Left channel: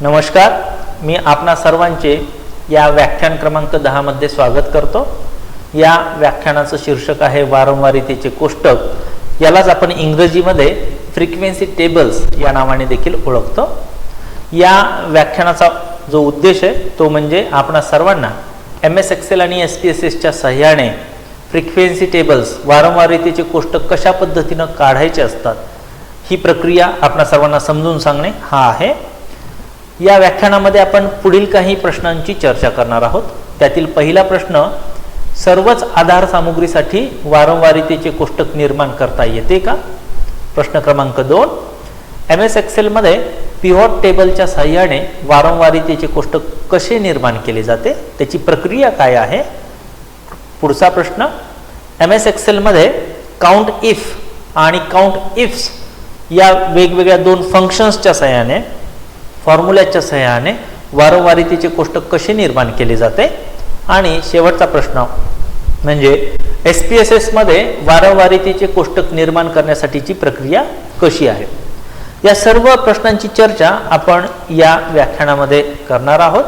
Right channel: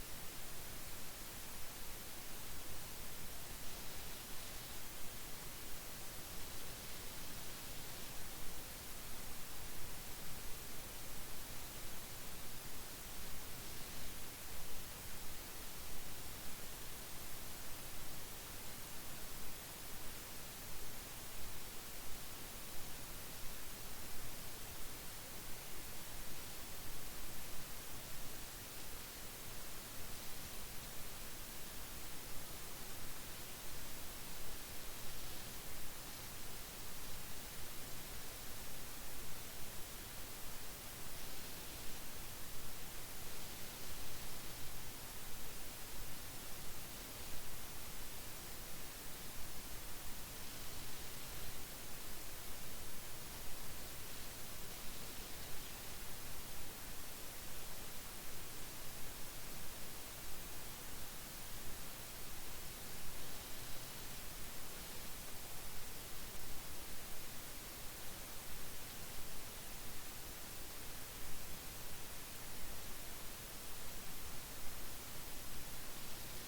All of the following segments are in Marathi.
नमस्कार, मी आपणा सर्वांचे या व्याख्यान क्रमांक 10 मध्ये स्वागत करतो। या व्याख्यानाचं शीर्षक आहे वारंवारितेचे कोष्टक। यालाच आपण इंग्रजीमध्ये फ्रिक्वेन्सी टेबल्स या नावाने देखील ओळखतो। या व्याख्यानाचा जो उद्देश आहे तो म्हणजे आपणा सर्वांना MS Excel आणि SPSS च्या सहाय्याने फ्रिक्वेन्सी टेबल्स वारंवारितेचे कोष्टक कशा पद्धतीने काढायचे असतात ही प्रक्रिया आपणा सर्वांना समजून सांगणे हा आहे। या व्याख्यानामध्ये आपण पुढील काही प्रश्नांची चर्चा करणार आहोत। त्यातील पहिला प्रश्न, सर्वच आधार सामग्रीसाठी वारंवारितेचे कोष्टक निर्माण करता येते का? प्रश्न क्रमांक 2, MS Excel मध्ये पिव्होट टेबलच्या सहाय्याने वारंवारितेचे कोष्टक कसे निर्माण केले जाते, त्याची प्रक्रिया काय आहे? पुढचा प्रश्न, MS Excel मध्ये काउंट इफ आणि काउंट इफ्स या वेगवेगळ्या दोन फंक्शन्सच्या सहाय्याने फॉर्म्युल्याच्या सहाय्याने वारंवारितेचे कोष्टक कसे निर्माण केले जाते? आणि शेवटचा प्रश्न म्हणजे SPSS मध्ये वारंवारितेचे कोष्टक निर्माण करण्यासाठीची प्रक्रिया कशी आहे? या सर्व प्रश्नांची चर्चा आपण या व्याख्यानामध्ये करणार आहोत।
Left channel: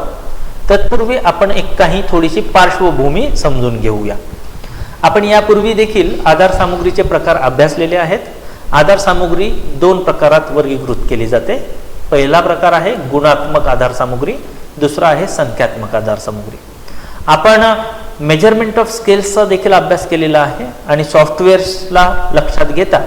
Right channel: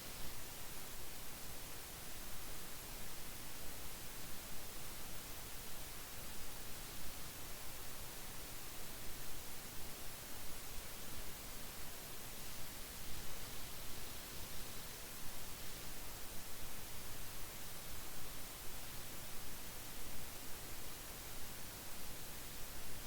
तत्पूर्वी आपण काही थोडीशी पार्श्वभूमी समजून घेऊया। आपण यापूर्वी देखील आधार सामग्रीचे प्रकार अभ्यासलेले आहेत। आधार सामग्री दोन प्रकारात वर्गीकृत केली जाते। पहिला प्रकार आहे गुणात्मक आधार सामग्री, दुसरा आहे संख्यात्मक आधार सामग्री। आपण मेजरमेंट ऑफ स्केल्सचा देखील अभ्यास केलेला आहे आणि सॉफ्टवेअर्सला लक्षात घेता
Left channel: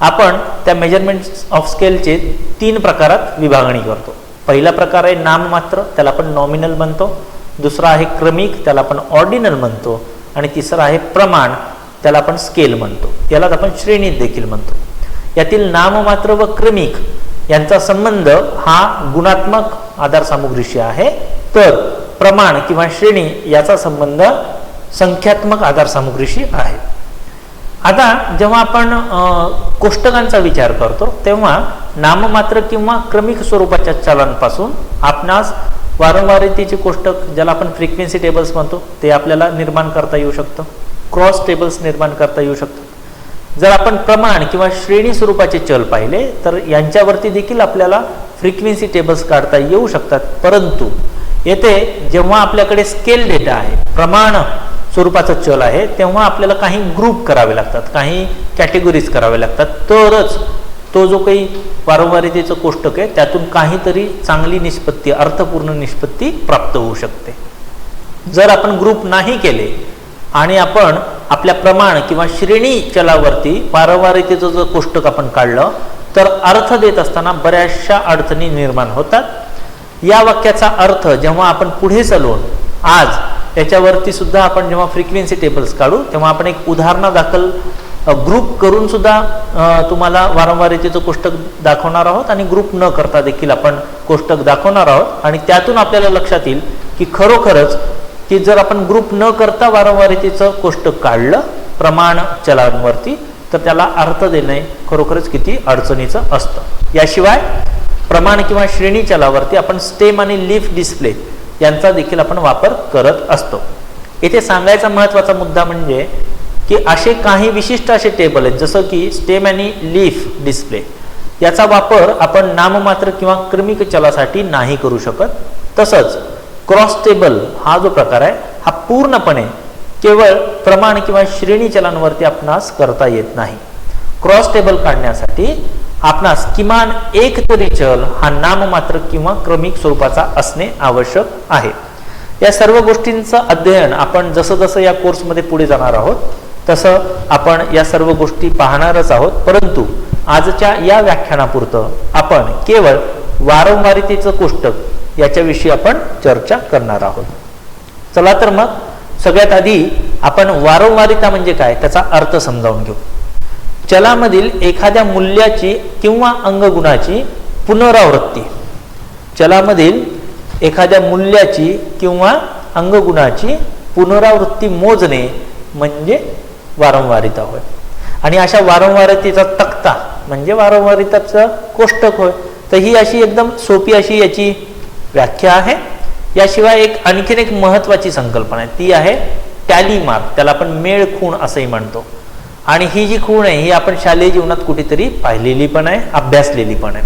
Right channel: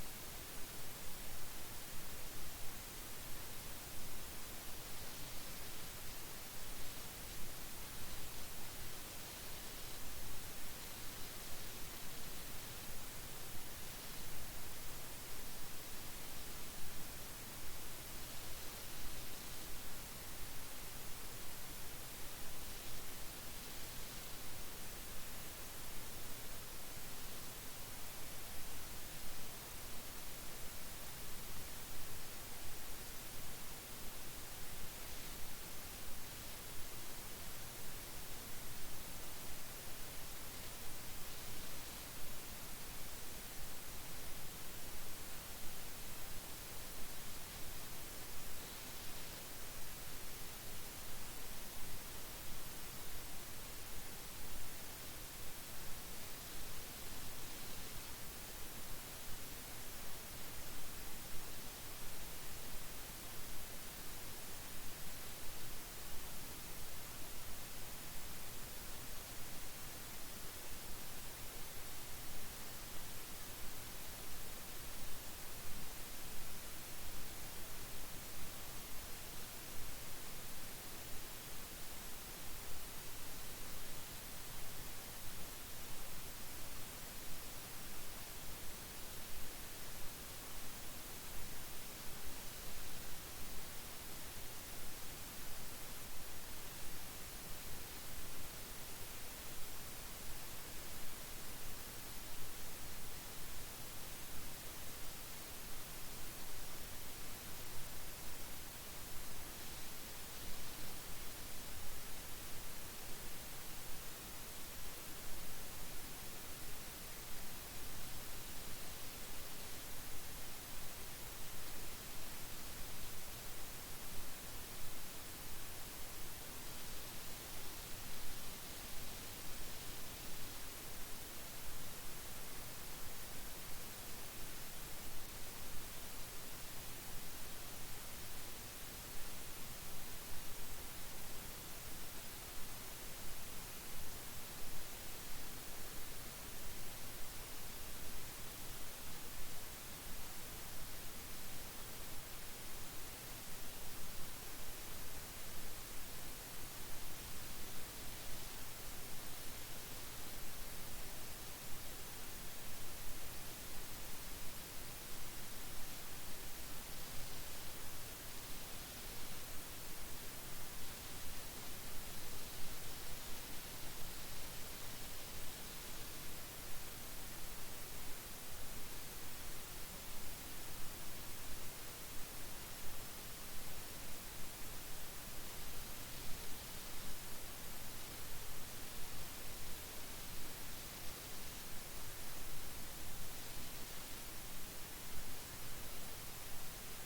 आपण त्या मेजरमेंट ऑफ स्केलचे 3 प्रकारात विभागणी करतो। पहिला प्रकार आहे नाममात्र, त्याला आपण नॉमिनल म्हणतो। दुसरा आहे क्रमिक, त्याला आपण ऑर्डिनल म्हणतो। आणि तिसरा आहे प्रमाण, त्याला आपण स्केल म्हणतो। यालाच आपण श्रेणी देखील म्हणतो। यातील नाममात्र व क्रमिक यांचा संबंध हा गुणात्मक आधार सामग्रीशी आहे, तर प्रमाण किंवा श्रेणी याचा संबंध संख्यात्मक आधार सामग्रीशी आहे। आता जेव्हा आपण कोष्टकांचा विचार करतो तेव्हा नाममात्र किंवा क्रमिक स्वरूपाच्या चलांपासून आपणास वारंवारितेचे कोष्टक, ज्याला आपण फ्रिक्वेन्सी टेबल्स म्हणतो, ते आपल्याला निर्माण करता येऊ शकतं। क्रॉस टेबल्स निर्माण करता येऊ शकतात। जर आपण प्रमाण किंवा श्रेणी स्वरूपाचे चल पाहिले तर यांच्यावरती देखील आपल्याला फ्रिक्वेन्सी टेबल्स काढता येऊ शकतात। परंतु येथे जेव्हा आपल्याकडे स्केल डेटा आहे, प्रमाण स्वरूपाचा चल आहे, तेव्हा आपल्याला काही ग्रुप करावे लागतात, काही कॅटेगरीज करावे लागतात, तरच तो जो काही वारंवारितेचं कोष्टक आहे त्यातून काहीतरी चांगली निष्पत्ती, अर्थपूर्ण निष्पत्ती प्राप्त होऊ शकते। जर आपण ग्रुप नाही केले आणि आपण आपल्या प्रमाण किंवा श्रेणी चलावरती वारंवारितेचं जर कोष्टक आपण काढलं तर अर्थ देत असताना बऱ्याचशा अडचणी निर्माण होतात। या वाक्याचा अर्थ जेव्हा आपण पुढे चालवून आज याच्यावरती सुद्धा आपण जेव्हा फ्रिक्वेन्सी टेबल्स काढू तेव्हा आपण एक उदाहरणादाखल ग्रुप करून सुद्धा तुम्हाला वारंवारितेचं कोष्टक दाखवणार आहोत आणि ग्रुप न करता देखील आपण कोष्टक दाखवणार आहोत। आणि त्यातून आपल्याला लक्षात येईल की खरोखरच की जर आपण ग्रुप न करता वारंवारितेचं कोष्टक काढलं प्रमाण चलांवरती तर त्याला अर्थ देणे खरोखरच किती अडचणीचं असतं। याशिवाय प्रमाण किंवा श्रेणी चलावरती आपण स्टेम आणि लीफ डिस्प्ले यांचा देखील आपण वापर करत असतो। येथे सांगायचा महत्त्वाचा मुद्दा म्हणजे की असे काही विशिष्ट असे टेबल आहेत जसं की स्टेम आणि लीफ डिस्प्ले, याचा वापर आपण नाममात्र किंवा क्रमिक चलासाठी नाही करू शकत। तसंच क्रॉस टेबल हा जो प्रकार आहे हा पूर्णपणे केवळ प्रमाण किंवा श्रेणी चलांवरती आपणास करता येत नाही। क्रॉस टेबल काढण्यासाठी आपणास किमान एक तरी चल हा नाममात्र किंवा क्रमिक स्वरूपाचा असणे आवश्यक आहे। या सर्व गोष्टींचं अध्ययन आपण जसं जसं या कोर्समध्ये पुढे जाणार आहोत तसं आपण या सर्व गोष्टी पाहणारच आहोत। परंतु आजच्या या व्याख्यानापुरतं आपण केवळ वारंवारितेचं कोष्टक याच्याविषयी आपण चर्चा करणार आहोत। चला तर मग सगळ्यात आधी आपण वारंवारिता म्हणजे काय त्याचा अर्थ समजावून घेऊ। चलामधील एखाद्या मूल्याची किंवा अंगगुणाची पुनरावृत्ती, चलामधील एखाद्या मूल्याची किंवा अंगगुणाची पुनरावृत्ती मोजणे म्हणजे वारंवारिता होय। आणि अशा वारंवारितेचा तक्ता म्हणजे वारंवारिताचं कोष्टक होय। तर ही अशी एकदम सोपी अशी याची व्याख्या आहे। याशिवाय आणखीन एक महत्त्वाची संकल्पना आहे, ती आहे टॅली मार्क, त्याला आपण मेळ खूण असंही म्हणतो। आणि ही जी खूण आहे ही आपण शालेय जीवनात कुठेतरी पाहिलेली पण आहे, अभ्यासलेली पण आहे।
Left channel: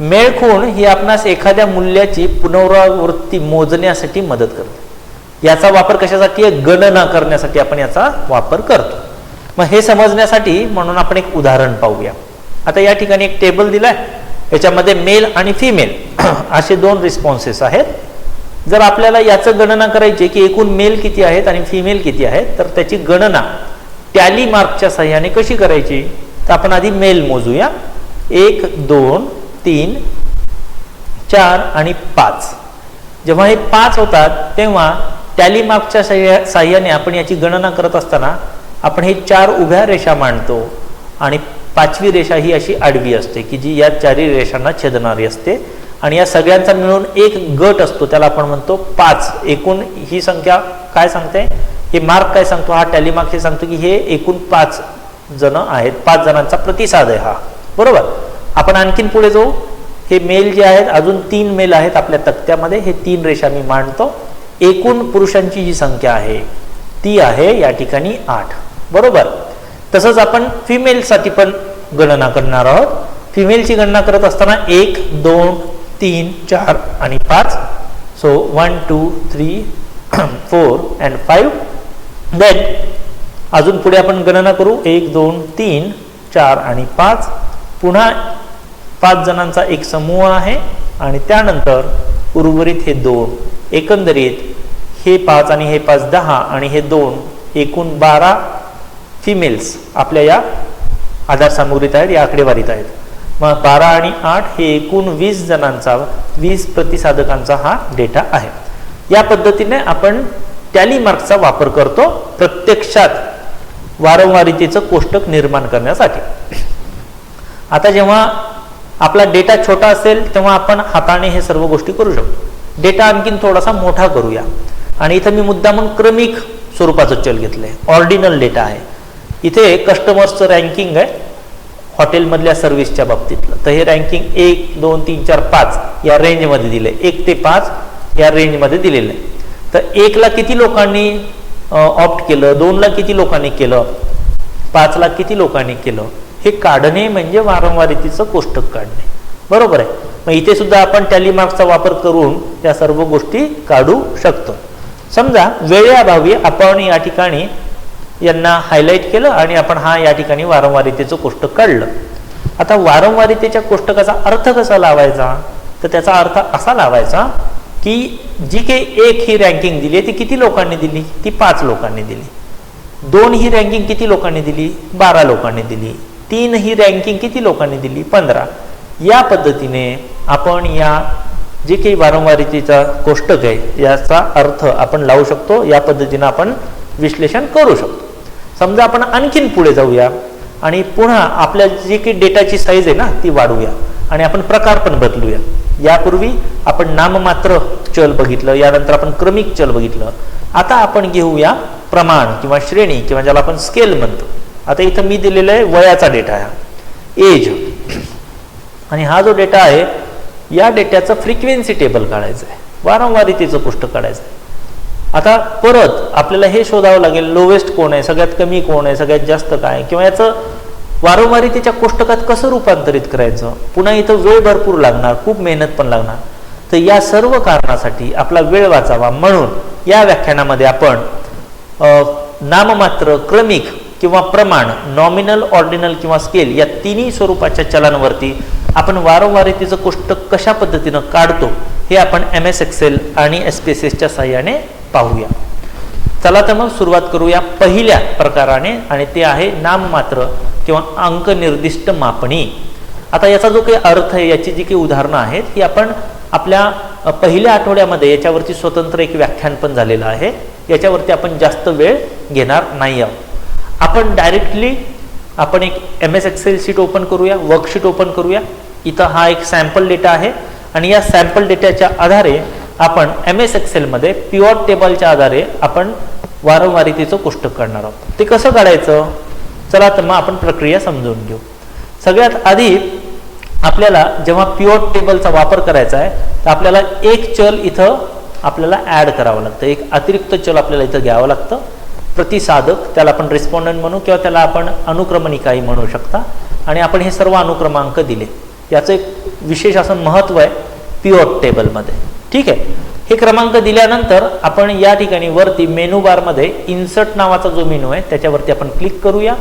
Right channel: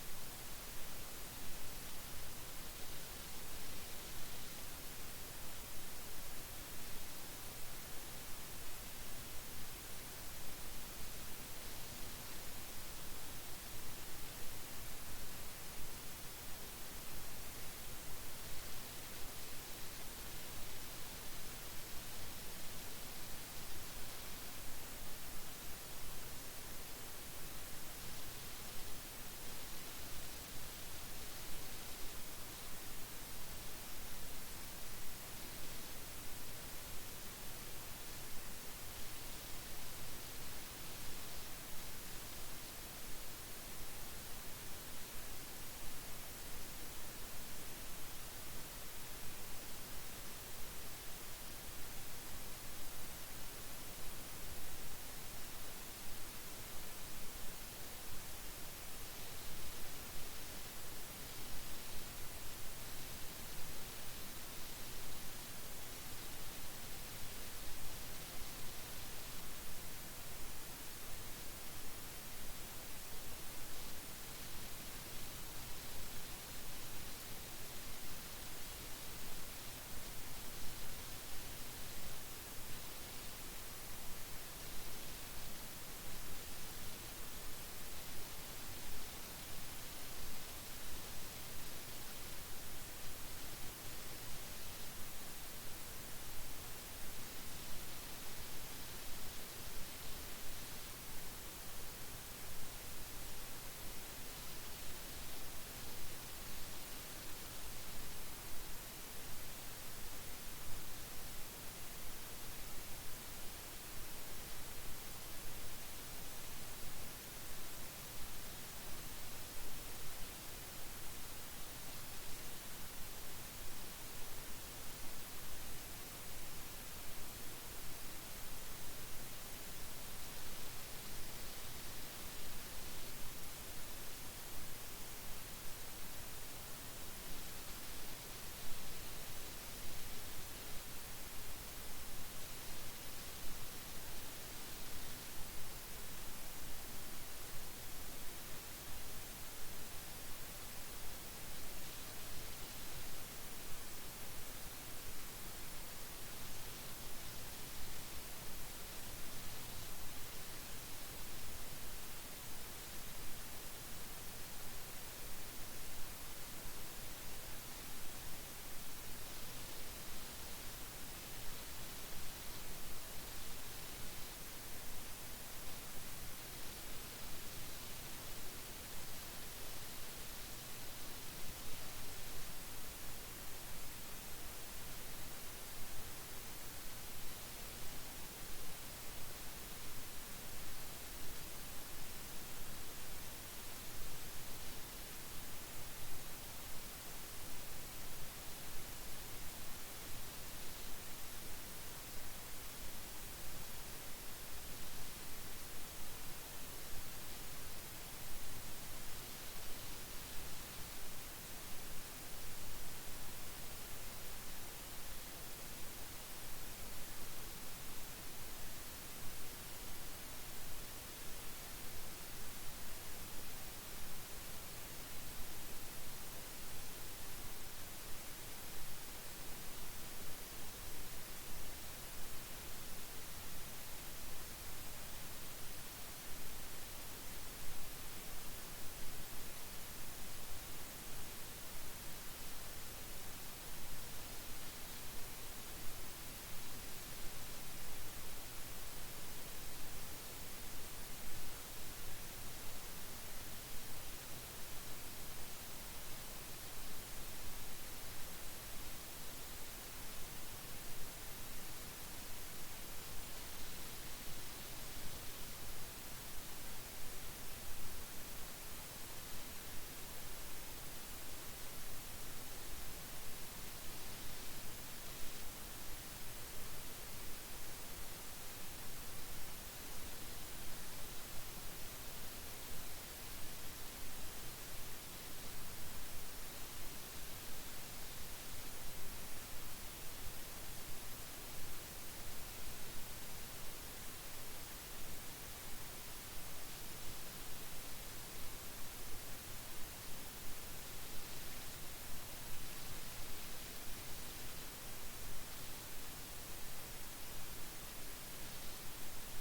मेळ खूण ही आपणास एखाद्या मूल्याची पुनरावृत्ती मोजण्यासाठी मदत करते। याचा वापर कशासाठी आहे? गणना करण्यासाठी आपण याचा वापर करतो। मग हे समजण्यासाठी म्हणून आपण एक उदाहरण पाहूया। आता या ठिकाणी एक टेबल दिलाय, याच्यामध्ये मेल आणि फिमेल असे दोन रिस्पॉन्सेस आहेत। जर आपल्याला याचं गणना करायची की एकूण मेल किती आहेत आणि फिमेल किती आहेत, तर त्याची गणना टॅली मार्कच्या सहाय्याने कशी करायची? तर आपण आधी मेल मोजूया। 1 2 3 4 आणि 5। जेव्हा हे 5 होतात तेव्हा टॅली मार्कच्या सहाय्याने आपण याची गणना करत असताना आपण हे 4 उभ्या रेषा मांडतो आणि 5वी रेषा ही अशी आडवी असते की जी या चारही रेषांना छेदणारी असते आणि या सगळ्यांचा मिळून एक गट असतो, त्याला आपण म्हणतो 5। एकूण ही संख्या काय सांगते? हे मार्क काय सांगतो? हा टॅली मार्क हे सांगतो की हे एकूण 5 जण आहेत, 5 जणांचा प्रतिसाद आहे हा, बरोबर। आपण आणखीन पुढे जाऊ। हे मेल जे आहेत, अजून 3 मेल आहेत आपल्या तक्त्यामध्ये, हे 3 रेषा मी मांडतो। एकूण पुरुषांची जी संख्या आहे ती आहे या ठिकाणी 8, बरोबर। तसंच आपण फिमेलसाठी पण गणना करणार आहोत। फिमेलची गणना करत असताना 1 2 3 4 आणि 5। So 1 2 3 4 and 5। देन अजून पुढे आपण गणना करू 1 2 3 4 आणि 5। पुन्हा 5 जणांचा एक समूह आहे आणि त्यानंतर उर्वरित हे 2। एकंदरीत हे 5 आणि हे 5 10 आणि हे 2 एकूण 12 फिमेल्स आपल्या या आधार सामुग्रीत आहेत, या आकडेवारीत आहेत। मग 12 आणि 8 हे एकूण 20 जणांचा, 20 प्रतिसादकांचा हा डेटा आहे। या पद्धतीने आपण टॅली मार्कचा वापर करतो प्रत्यक्षात वारंवारितेचं कोष्टक निर्माण करण्यासाठी। आता जेव्हा आपला डेटा छोटा असेल तेव्हा आपण हाताने हे सर्व गोष्टी करू शकतो। डेटा आणखीन थोडासा मोठा करूया आणि इथं मी मुद्दामून क्रमिक स्वरूपाचं चल घेतलंय, ऑर्डिनल डेटा आहे। इथे कस्टमर्सचं रँकिंग आहे हॉटेलमधल्या सर्व्हिसच्या बाबतीतलं, तर हे रँकिंग 1 2 3 4 5 या रेंजमध्ये दिलंय, 1 ते 5 या रेंजमध्ये दिलेलं आहे। तर 1 ला किती लोकांनी ऑप्ट केलं, 2 ला किती लोकांनी केलं, 5 ला किती लोकांनी केलं, हे काढणे म्हणजे वारंवारितेचं कोष्टक काढणे, बरोबर आहे। मग इथे सुद्धा आपण टॅली मार्कचा वापर करून त्या सर्व गोष्टी काढू शकतो। समजा वेळेअभावी आपण या ठिकाणी यांना हायलाइट केलं आणि आपण हा या ठिकाणी वारंवारितेचं कोष्टक काढलं। आता वारंवारितेच्या कोष्टकाचा अर्थ कसा लावायचा? तर त्याचा अर्थ असा लावायचा की जी काही 1 ही रँकिंग दिली ती किती लोकांनी दिली? ती 5 लोकांनी दिली। 2 ही रँकिंग किती लोकांनी दिली? 12 लोकांनी दिली। 3 ही रँकिंग किती लोकांनी दिली? 15। या पद्धतीने आपण या जे काही वारंवारितेचा कोष्टक आहे याचा अर्थ आपण लावू शकतो, या पद्धतीने आपण विश्लेषण करू शकतो। समजा आपण आणखीन पुढे जाऊया आणि पुन्हा आपल्या जी काही डेटाची साईज आहे ना ती वाढवूया आणि आपण प्रकार पण बदलूया। यापूर्वी आपण नाममात्र चल बघितलं, यानंतर आपण क्रमिक चल बघितलं। आता आपण घेऊया प्रमाण किंवा श्रेणी किंवा ज्याला आपण स्केल म्हणतो। आता इथं मी दिलेला आहे वयाचा डेटा आहे, एज, आणि हा जो डेटा आहे या डेटाचं फ्रिक्वेन्सी टेबल काढायचं आहे, वारंवारितेचं कोष्टक काढायचं आहे। आता परत आपल्याला हे शोधावं लागेल लोवेस्ट कोण आहे, सगळ्यात कमी कोण आहे, सगळ्यात जास्त काय, किंवा याचं वारंवारितेच्या कोष्टकात कसं रूपांतरित करायचं। पुन्हा इथं वेळ भरपूर लागणार, खूप मेहनत पण लागणार। तर या सर्व कारणासाठी आपला वेळ वाचावा म्हणून या व्याख्यानामध्ये आपण नाममात्र, क्रमिक किंवा प्रमाण, नॉमिनल, ऑर्डिनल किंवा स्केल या तिन्ही स्वरूपाच्या चलांवरती आपण वारंवारितेचं कोष्टक कशा पद्धतीनं काढतो हे आपण MS एक्सेल आणि SPSSच्या सहाय्याने पाहूया। चला तर मग सुरुवात करूया पहिल्या प्रकाराने, आणि ते आहे नाममात्र किंवा अंक निर्दिष्ट मापणी। आता याचा जो काही अर्थ आहे, याची जी काही उदाहरणं आहेत ही आपण आपल्या पहिल्या आठवड्यामध्ये याच्यावरती स्वतंत्र एक व्याख्यान पण झालेलं आहे, याच्यावरती आपण जास्त वेळ घेणार नाही आहोत। आपण डायरेक्टली आपण एक MS एक्सेल शीट ओपन करूया, वर्कशीट ओपन करूया। इथं हा एक सॅम्पल डेटा आहे आणि या सॅम्पल डेटाच्या आधारे आपण MS एक्सेलमध्ये पिव्होट टेबलच्या आधारे आपण वारंवारितेचं कोष्टक काढणार आहोत। ते कसं काढायचं? चला तर मग आपण प्रक्रिया समजून घेऊ। सगळ्यात आधी आपल्याला जेव्हा पिव्होट टेबलचा वापर करायचा आहे तर आपल्याला एक चल इथं आपल्याला ॲड करावं लागतं, एक अतिरिक्त चल आपल्याला इथं घ्यावं लागतं, प्रतिसादक, त्याला आपण रिस्पॉन्डंट म्हणू किंवा त्याला आपण अनुक्रमणिकाही म्हणू शकता। आणि आपण हे सर्व अनुक्रमांक दिले। याचं एक विशेष असं महत्त्व आहे पिवॉट टेबलमध्ये. ठीक आहे, हे क्रमांक दिल्यानंतर आपण या ठिकाणी वरती मेनू बारमध्ये इन्सर्ट नावाचा जो मेनू आहे त्याच्यावरती आपण क्लिक करूया.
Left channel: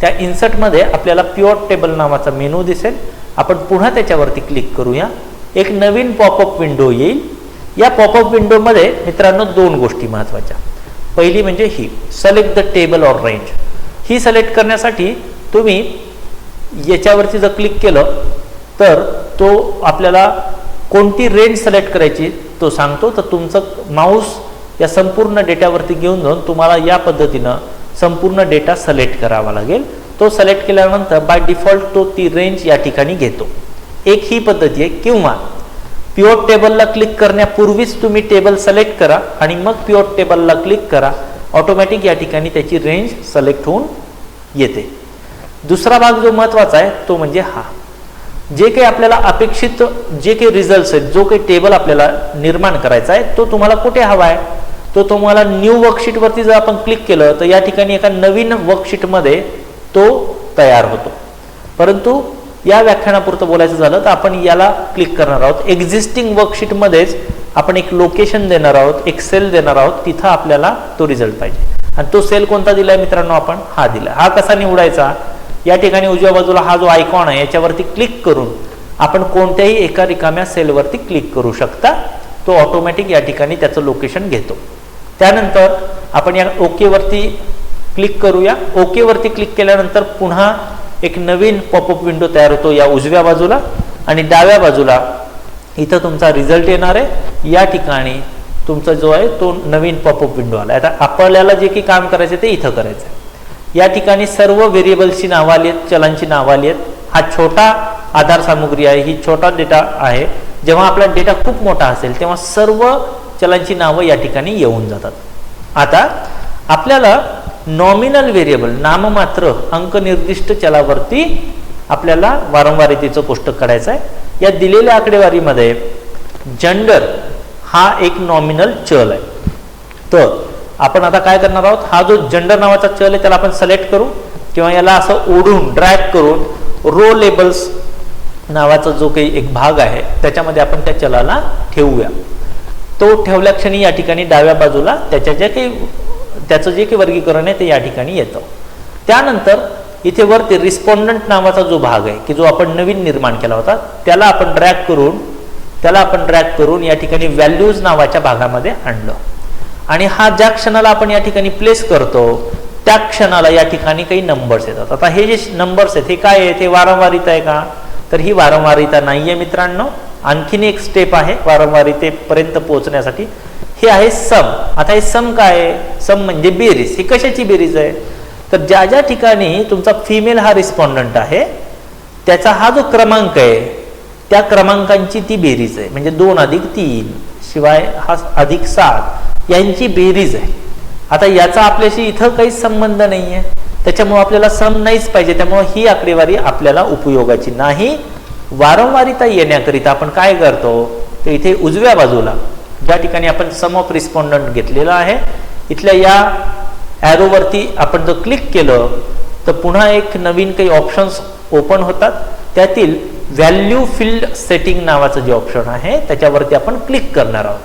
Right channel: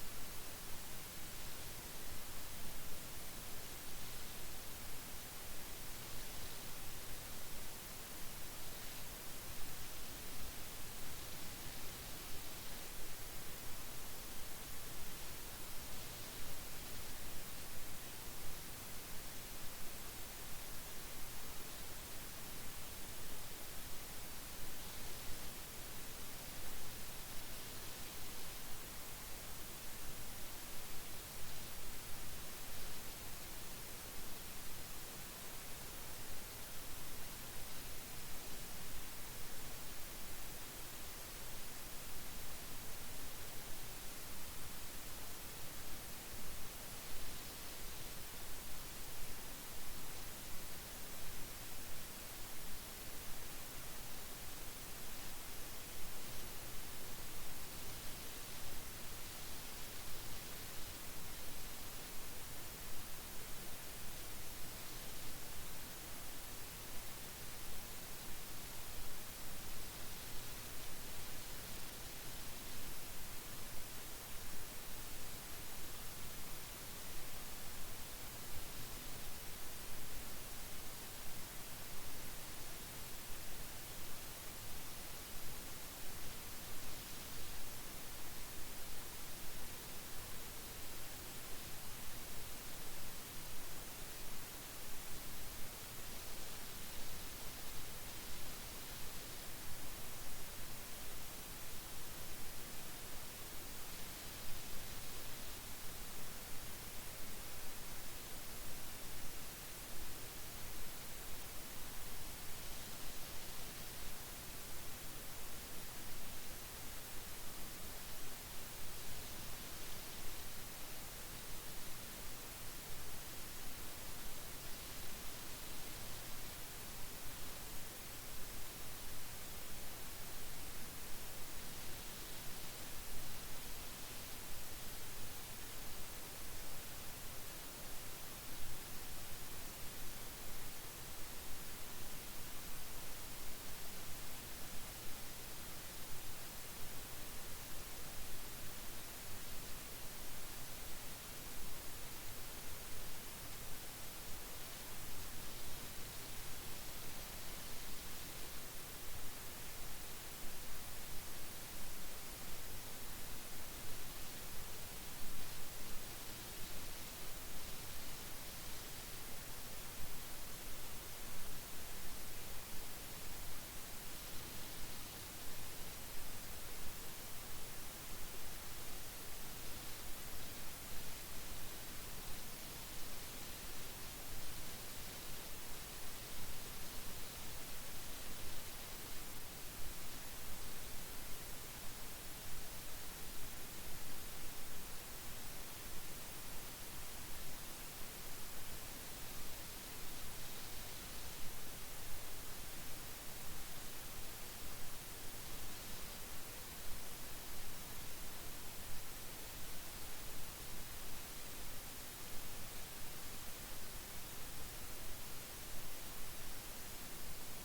त्या इन्सर्टमध्ये आपल्याला पिवॉट टेबल नावाचा मेनू दिसेल. आपण पुन्हा त्याच्यावरती क्लिक करूया. एक नवीन पॉपअप विंडो येईल. या पॉपअप विंडोमध्ये मित्रांनो दोन गोष्टी महत्त्वाच्या. पहिली म्हणजे ही select the table or range. ही सिलेक्ट करण्यासाठी तुम्ही याच्यावरती जर क्लिक केलं तर तो आपल्याला कोणती रेंज सिलेक्ट करायची तो सांगतो. तर तुमचं माऊस या संपूर्ण डेटावरती घेऊन जाऊन तुम्हाला या पद्धतीनं संपूर्ण डेटा सिलेक्ट करावा लागेल. तो सिलेक्ट केल्यानंतर बाय डिफॉल्ट तो ती रेंज या ठिकाणी घेतो. एक ही पद्धती आहे. किंवा पिवॉट टेबलला क्लिक करण्यापूर्वीच तुम्ही टेबल सिलेक्ट करा आणि मग पिवॉट टेबलला क्लिक करा. ऑटोमॅटिक या ठिकाणी त्याची रेंज सिलेक्ट होऊन येते. दुसरा भाग जो महत्त्वाचा आहे तो म्हणजे हा, जे काही आपल्याला अपेक्षित जे काही रिझल्ट्स आहेत, जो काही टेबल आपल्याला निर्माण करायचा आहे तो तुम्हाला कुठे हवा आहे, तो तुम्हाला न्यू वर्कशीटवरती जर आपण क्लिक केलं तर या ठिकाणी एका नवीन वर्कशीटमध्ये तो तयार होतो. परंतु या व्याख्यानापुरतं बोलायचं झालं तर आपण याला क्लिक करणार आहोत. एक्झिस्टिंग वर्कशीटमध्येच आपण एक लोकेशन देणार आहोत, एक सेल देणार आहोत, तिथं आपल्याला तो रिझल्ट पाहिजे. आणि तो सेल कोणता दिलाय मित्रांनो, आपण हा दिला. हा कसा निवडायचा, या ठिकाणी उजव्या बाजूला हा जो आयकॉन आहे याच्यावरती क्लिक करून आपण कोणत्याही एका रिकाम्या सेलवरती क्लिक करू शकता. तो ऑटोमॅटिक या ठिकाणी त्याचं लोकेशन घेतो. त्यानंतर आपण या ओके वरती क्लिक करूया. ओके वरती क्लिक केल्यानंतर पुन्हा एक नवीन पॉपअप विंडो तयार होतो या उजव्या बाजूला आणि डाव्या बाजूला इथं तुमचा रिझल्ट येणार आहे. या ठिकाणी तुमचा जो आहे तो नवीन पॉपअप विंडो आला. आता आपल्याला जे काही काम करायचं ते इथं करायचं आहे. या ठिकाणी सर्व व्हेरिएबल्सची नावं आली आहेत, चलांची नावं आली आहेत. हा छोटा आधार सामुग्री आहे, ही छोटा डेटा आहे. जेव्हा आपला डेटा खूप मोठा असेल तेव्हा सर्व चलांची नावं या ठिकाणी येऊन जातात. आता आपल्याला नॉमिनल व्हेरिएबल नाममात्र अंक निर्दिष्ट चलावरती आपल्याला वारंवारितेचं कोष्टक काढायचं आहे. या दिलेल्या आकडेवारीमध्ये जेंडर हा एक नॉमिनल चल आहे. तर आपण आता काय करणार आहोत, हा जो जेंडर नावाचा चल आहे त्याला आपण सिलेक्ट करू किंवा याला असं ओढून ड्रॅग करून रो लेबल्स नावाचा जो काही एक भाग आहे त्याच्यामध्ये आपण त्या चलाला ठेवूया. तो ठेवल्या क्षणी या ठिकाणी डाव्या बाजूला त्याचं जे काही वर्गीकरण आहे ते या ठिकाणी येतं. त्यानंतर इथे वरती रिस्पॉन्डंट नावाचा जो भाग आहे की जो आपण नवीन निर्माण केला होता त्याला आपण ड्रॅग करून या ठिकाणी व्हॅल्यूज नावाच्या भागामध्ये आणलं. आणि हा ज्या क्षणाला आपण या ठिकाणी प्लेस करतो त्या क्षणाला या ठिकाणी काही नंबर्स येतात. आता हे जे नंबर्स आहेत हे काय आहेत, हे वारंवारिता आहे का, तर ही वारंवारिता नाहीये मित्रांनो. आणखीन एक स्टेप आहे वारंवारितेपर्यंत पोहोचण्यासाठी, हे आहे सम. आता हे सम काय आहे, सम म्हणजे बेरीज. ही कशाची बेरीज आहे, तर ज्या ज्या ठिकाणी तुमचा फिमेल हा रिस्पॉन्डंट आहे त्याचा हा जो क्रमांक आहे त्या क्रमांकांची ती बेरीज आहे. म्हणजे 2 अधिक 3 शिवाय हा अधिक 7 यांची बेरीज आहे. आता याचा आपल्याशी इथं काहीच संबंध नाही आहे, त्याच्यामुळे आपल्याला सम नाहीच पाहिजे. त्यामुळे ही आकडेवारी आपल्याला उपयोगाची नाही. वारंवारिता येण्याकरिता आपण काय करतो, तर इथे उजव्या बाजूला ज्या ठिकाणी आपण सम ऑफ रिस्पॉन्डंट घेतलेला आहे इथल्या या ॲरोवरती आपण जर क्लिक केलं तर पुन्हा एक नवीन काही ऑप्शन्स ओपन होतात. त्यातील व्हॅल्यू फील्ड सेटिंग नावाचं जे ऑप्शन आहे त्याच्यावरती आपण क्लिक करणार आहोत.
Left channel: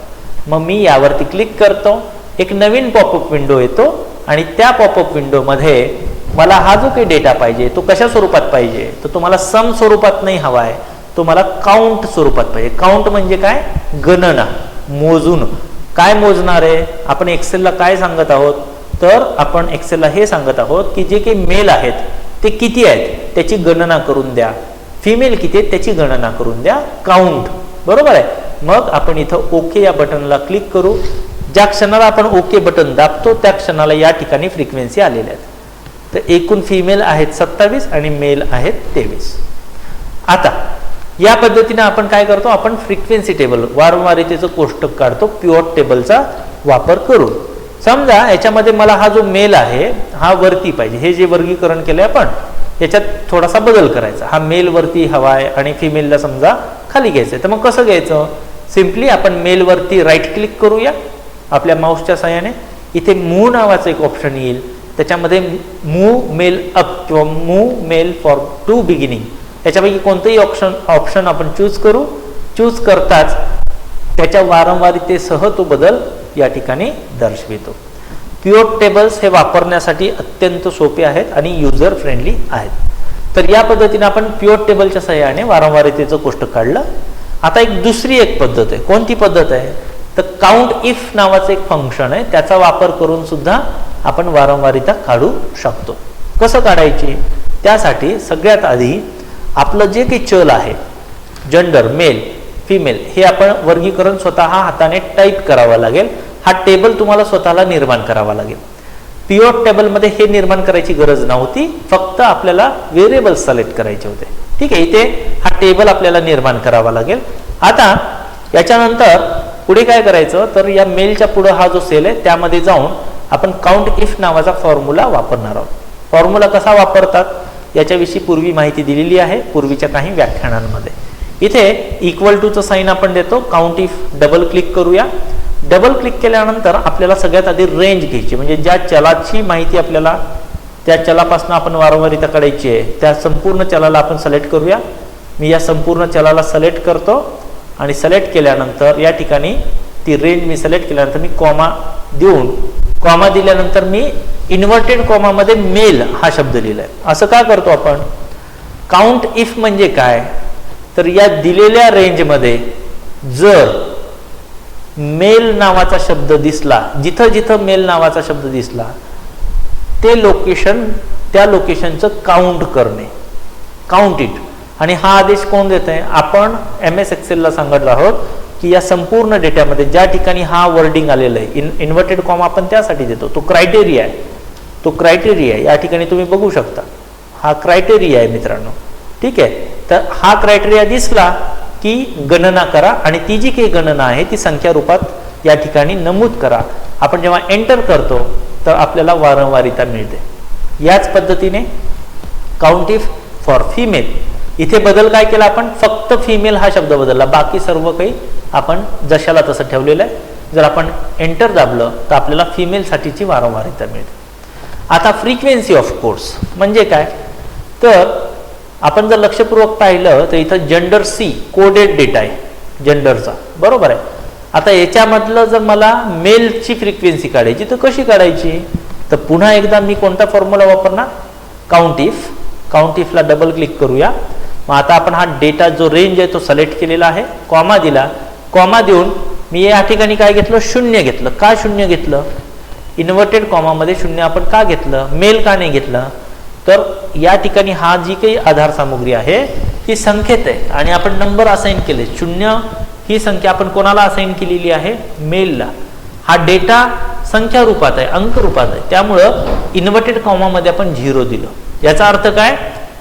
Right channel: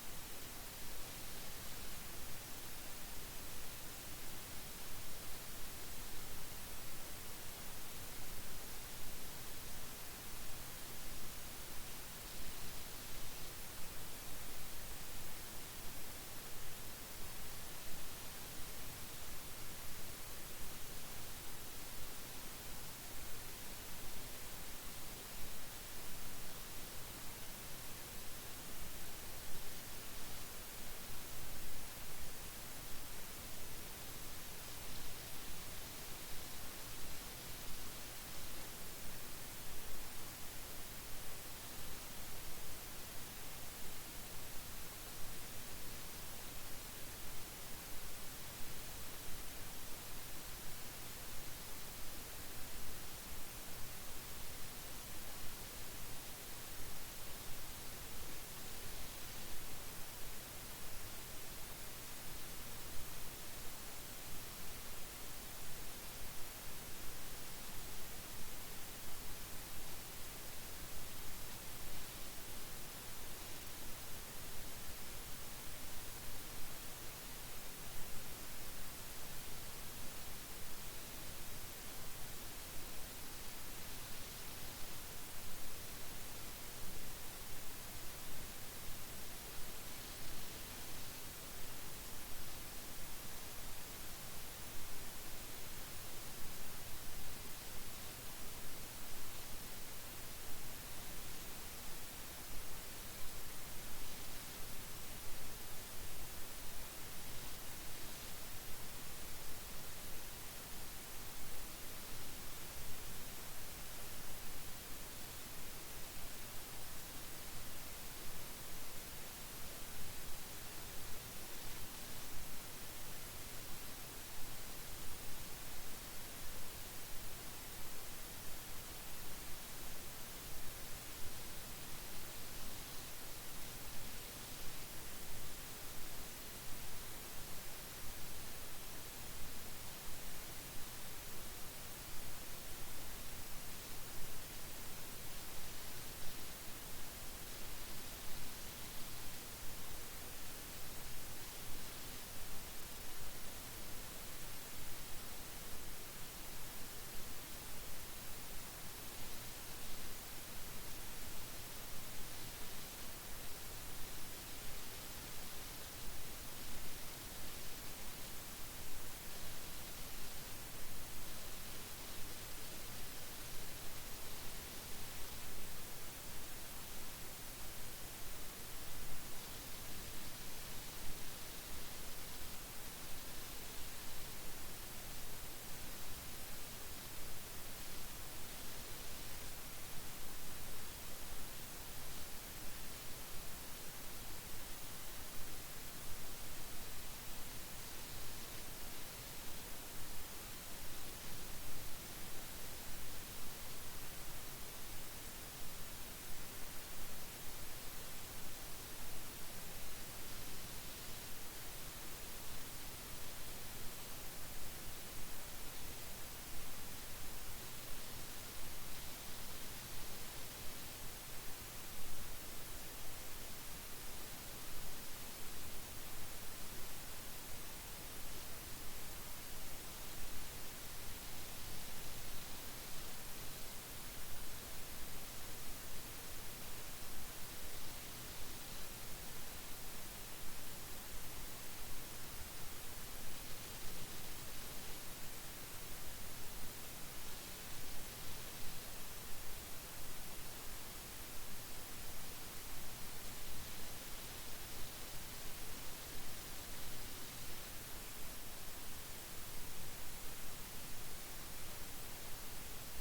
मग मी यावरती क्लिक करतो, एक नवीन पॉपअप विंडो येतो आणि त्या पॉपअप विंडोमध्ये मला हा जो काही डेटा पाहिजे तो कशा स्वरूपात पाहिजे, तर तुम्हाला सम स्वरूपात नाही हवा आहे, तो मला काउंट स्वरूपात पाहिजे. काउंट म्हणजे काय, गणना, मोजून. काय मोजणार आहे आपण एक्सेलला काय सांगत आहोत, तर आपण एक्सेलला हे सांगत आहोत की जे काही मेल आहेत ते किती आहेत त्याची गणना करून द्या, फिमेल किती आहेत त्याची गणना करून द्या, काउंट. बरोबर आहे. मग आपण इथं ओके या बटनला क्लिक करू. ज्या क्षणाला आपण ओके बटन दाबतो त्या क्षणाला या ठिकाणी फ्रिक्वेन्सी आलेल्या आहेत. तर एकूण फिमेल आहेत 27 आणि मेल आहेत 23. आता या पद्धतीने आपण काय करतो, आपण फ्रिक्वेन्सी टेबल वारंवारितेचं कोष्टक काढतो पिवॉट टेबलचा वापर करून. समजा याच्यामध्ये मला हा जो मेल आहे हा वरती पाहिजे, हे जे वर्गीकरण केलंय आपण याच्यात थोडासा बदल करायचा. हा मेल वरती हवाय आणि फिमेलला समजा खाली घ्यायचंय. तर मग कसं घ्यायचं, सिम्पली आपण मेल वरती राईट क्लिक करूया आपल्या माऊसच्या साहाय्याने. इथे मूव नावाचं एक ऑप्शन येईल, त्याच्यामध्ये मूव मेल अप किंवा move mail for to beginning याच्यापैकी कोणतेही ऑप्शन आपण चूज करताच त्याच्या वारंवारितेसह तो बदल या ठिकाणी दर्शवितो. पिव्होट टेबल्स हे वापरण्यासाठी अत्यंत सोपे आहेत आणि युजर फ्रेंडली आहेत. तर या पद्धतीने आपण पिव्होट टेबलच्या सहाय्याने वारंवारितेचं कोष्टक काढलं. आता दुसरी एक पद्धत आहे. कोणती पद्धत आहे? तर काउंट इफ नावाचं एक फंक्शन आहे, त्याचा वापर करून सुद्धा आपण वारंवारिता काढू शकतो. कसं काढायची? त्यासाठी सगळ्यात आधी आपलं जे काही चल आहे, जेंडर, मेल, फिमेल, हे आपण वर्गीकरण स्वतः हाताने टाईप करावं लागेल. हा टेबल तुम्हाला स्वतःला निर्माण करावा लागेल. पिव्होट टेबलमध्ये हे निर्माण करायची गरज नव्हती, फक्त आपल्याला व्हेरिएबल्स सिलेक्ट करायचे होते. ठीक आहे, इथे हा टेबल आपल्याला निर्माण करावा लागेल. आता याच्यानंतर पुढे काय करायचं, तर या मेलच्या पुढे हा जो सेल आहे त्यामध्ये जाऊन आपण काउंट इफ नावाचा फॉर्म्युला वापरणार आहोत. फॉर्म्युला कसा वापरतात याच्याविषयी पूर्वी माहिती दिलेली आहे पूर्वीच्या काही व्याख्यानांमध्ये. इथे इक्वल टूचं साइन आपण देतो. काउंट इफ डबल क्लिक करूया. डबल क्लिक केल्यानंतर आपल्याला सगळ्यात आधी रेंज घ्यायची, म्हणजे ज्या चलाची माहिती आपल्याला त्या चलापासून आपण वारंवारिता काढायची आहे त्या संपूर्ण चलाला आपण सिलेक्ट करूया. मी या संपूर्ण चलाला सिलेक्ट करतो आणि सिलेक्ट केल्यानंतर या ठिकाणी ती रेंज मी सिलेक्ट केल्यानंतर मी कॉमा दिल्यानंतर मी इन्व्हर्टेड कॉमामध्ये मेल हा शब्द लिहिलाय. असं का करतो आपण? काउंट इफ म्हणजे काय, तर या दिलेल्या रेंजमध्ये जर मेल नावाचा शब्द दिसला, जिथं जिथं मेल नावाचा शब्द दिसला ते लोकेशन, त्या लोकेशनचं काउंट करणे, काउंट इट. आणि हा आदेश कोण देत आहे? आपण MS एक्सेलला सांगितलं आहोत की या संपूर्ण डेटामध्ये ज्या ठिकाणी हा वर्डिंग आलेला आहे, इन्व्हर्टेड कॉमा आपण त्यासाठी देतो. तो क्रायटेरिया आहे, तो क्रायटेरिया या ठिकाणी तुम्ही बघू शकता. हा क्रायटेरिया आहे मित्रांनो. ठीक आहे, तर हा क्रायटेरिया दिसला की गणना करा आणि ती जी काही गणना आहे ती संख्या रूपात या ठिकाणी नमूद करा. आपण जेव्हा एंटर करतो तर आपल्याला वारंवारिता मिळते. याच पद्धतीने काउंट इफ फॉर फिमेल, इथे बदल काय केला आपण? फक्त फिमेल हा शब्द बदलला, बाकी सर्व काही आपण जशाला तसं ठेवलेलं आहे. जर आपण एंटर दाबलं तर आपल्याला फिमेल साठीची वारंवारिता मिळते. आता फ्रिक्वेन्सी ऑफ कोर्स म्हणजे काय, तर आपण जर लक्षपूर्वक पाहिलं तर इथं जेंडर सी कोडेड डेटा आहे जेंडरचा, बरोबर आहे. आता याच्यामधलं जर मला मेलची फ्रिक्वेन्सी काढायची तर कशी काढायची? तर पुन्हा एकदा मी कोणता फॉर्म्युला वापरणार? Count if. काउंट इफला डबल क्लिक करूया. मग आता आपण हा डेटा जो रेंज आहे तो सिलेक्ट केलेला आहे. कॉमा दिला. कॉमा देऊन मी या ठिकाणी काय घेतलं? 0 घेतलं. का 0 घेतलं? इन्व्हर्टेड कॉमामध्ये 0 आपण का घेतलं? मेल का नाही घेतलं? तर या ठिकाणी हा जी काही आधार सामुग्री आहे ती संख्येत आहे आणि आपण नंबर असाइन केले. 0 ही संख्या आपण कोणाला असाइन केलेली आहे? मेलला. हा डेटा संख्या रूपात आहे, अंक रूपात आहे, त्यामुळं इन्व्हर्टेड कॉमामध्ये आपण 0 दिलं. याचा अर्थ काय?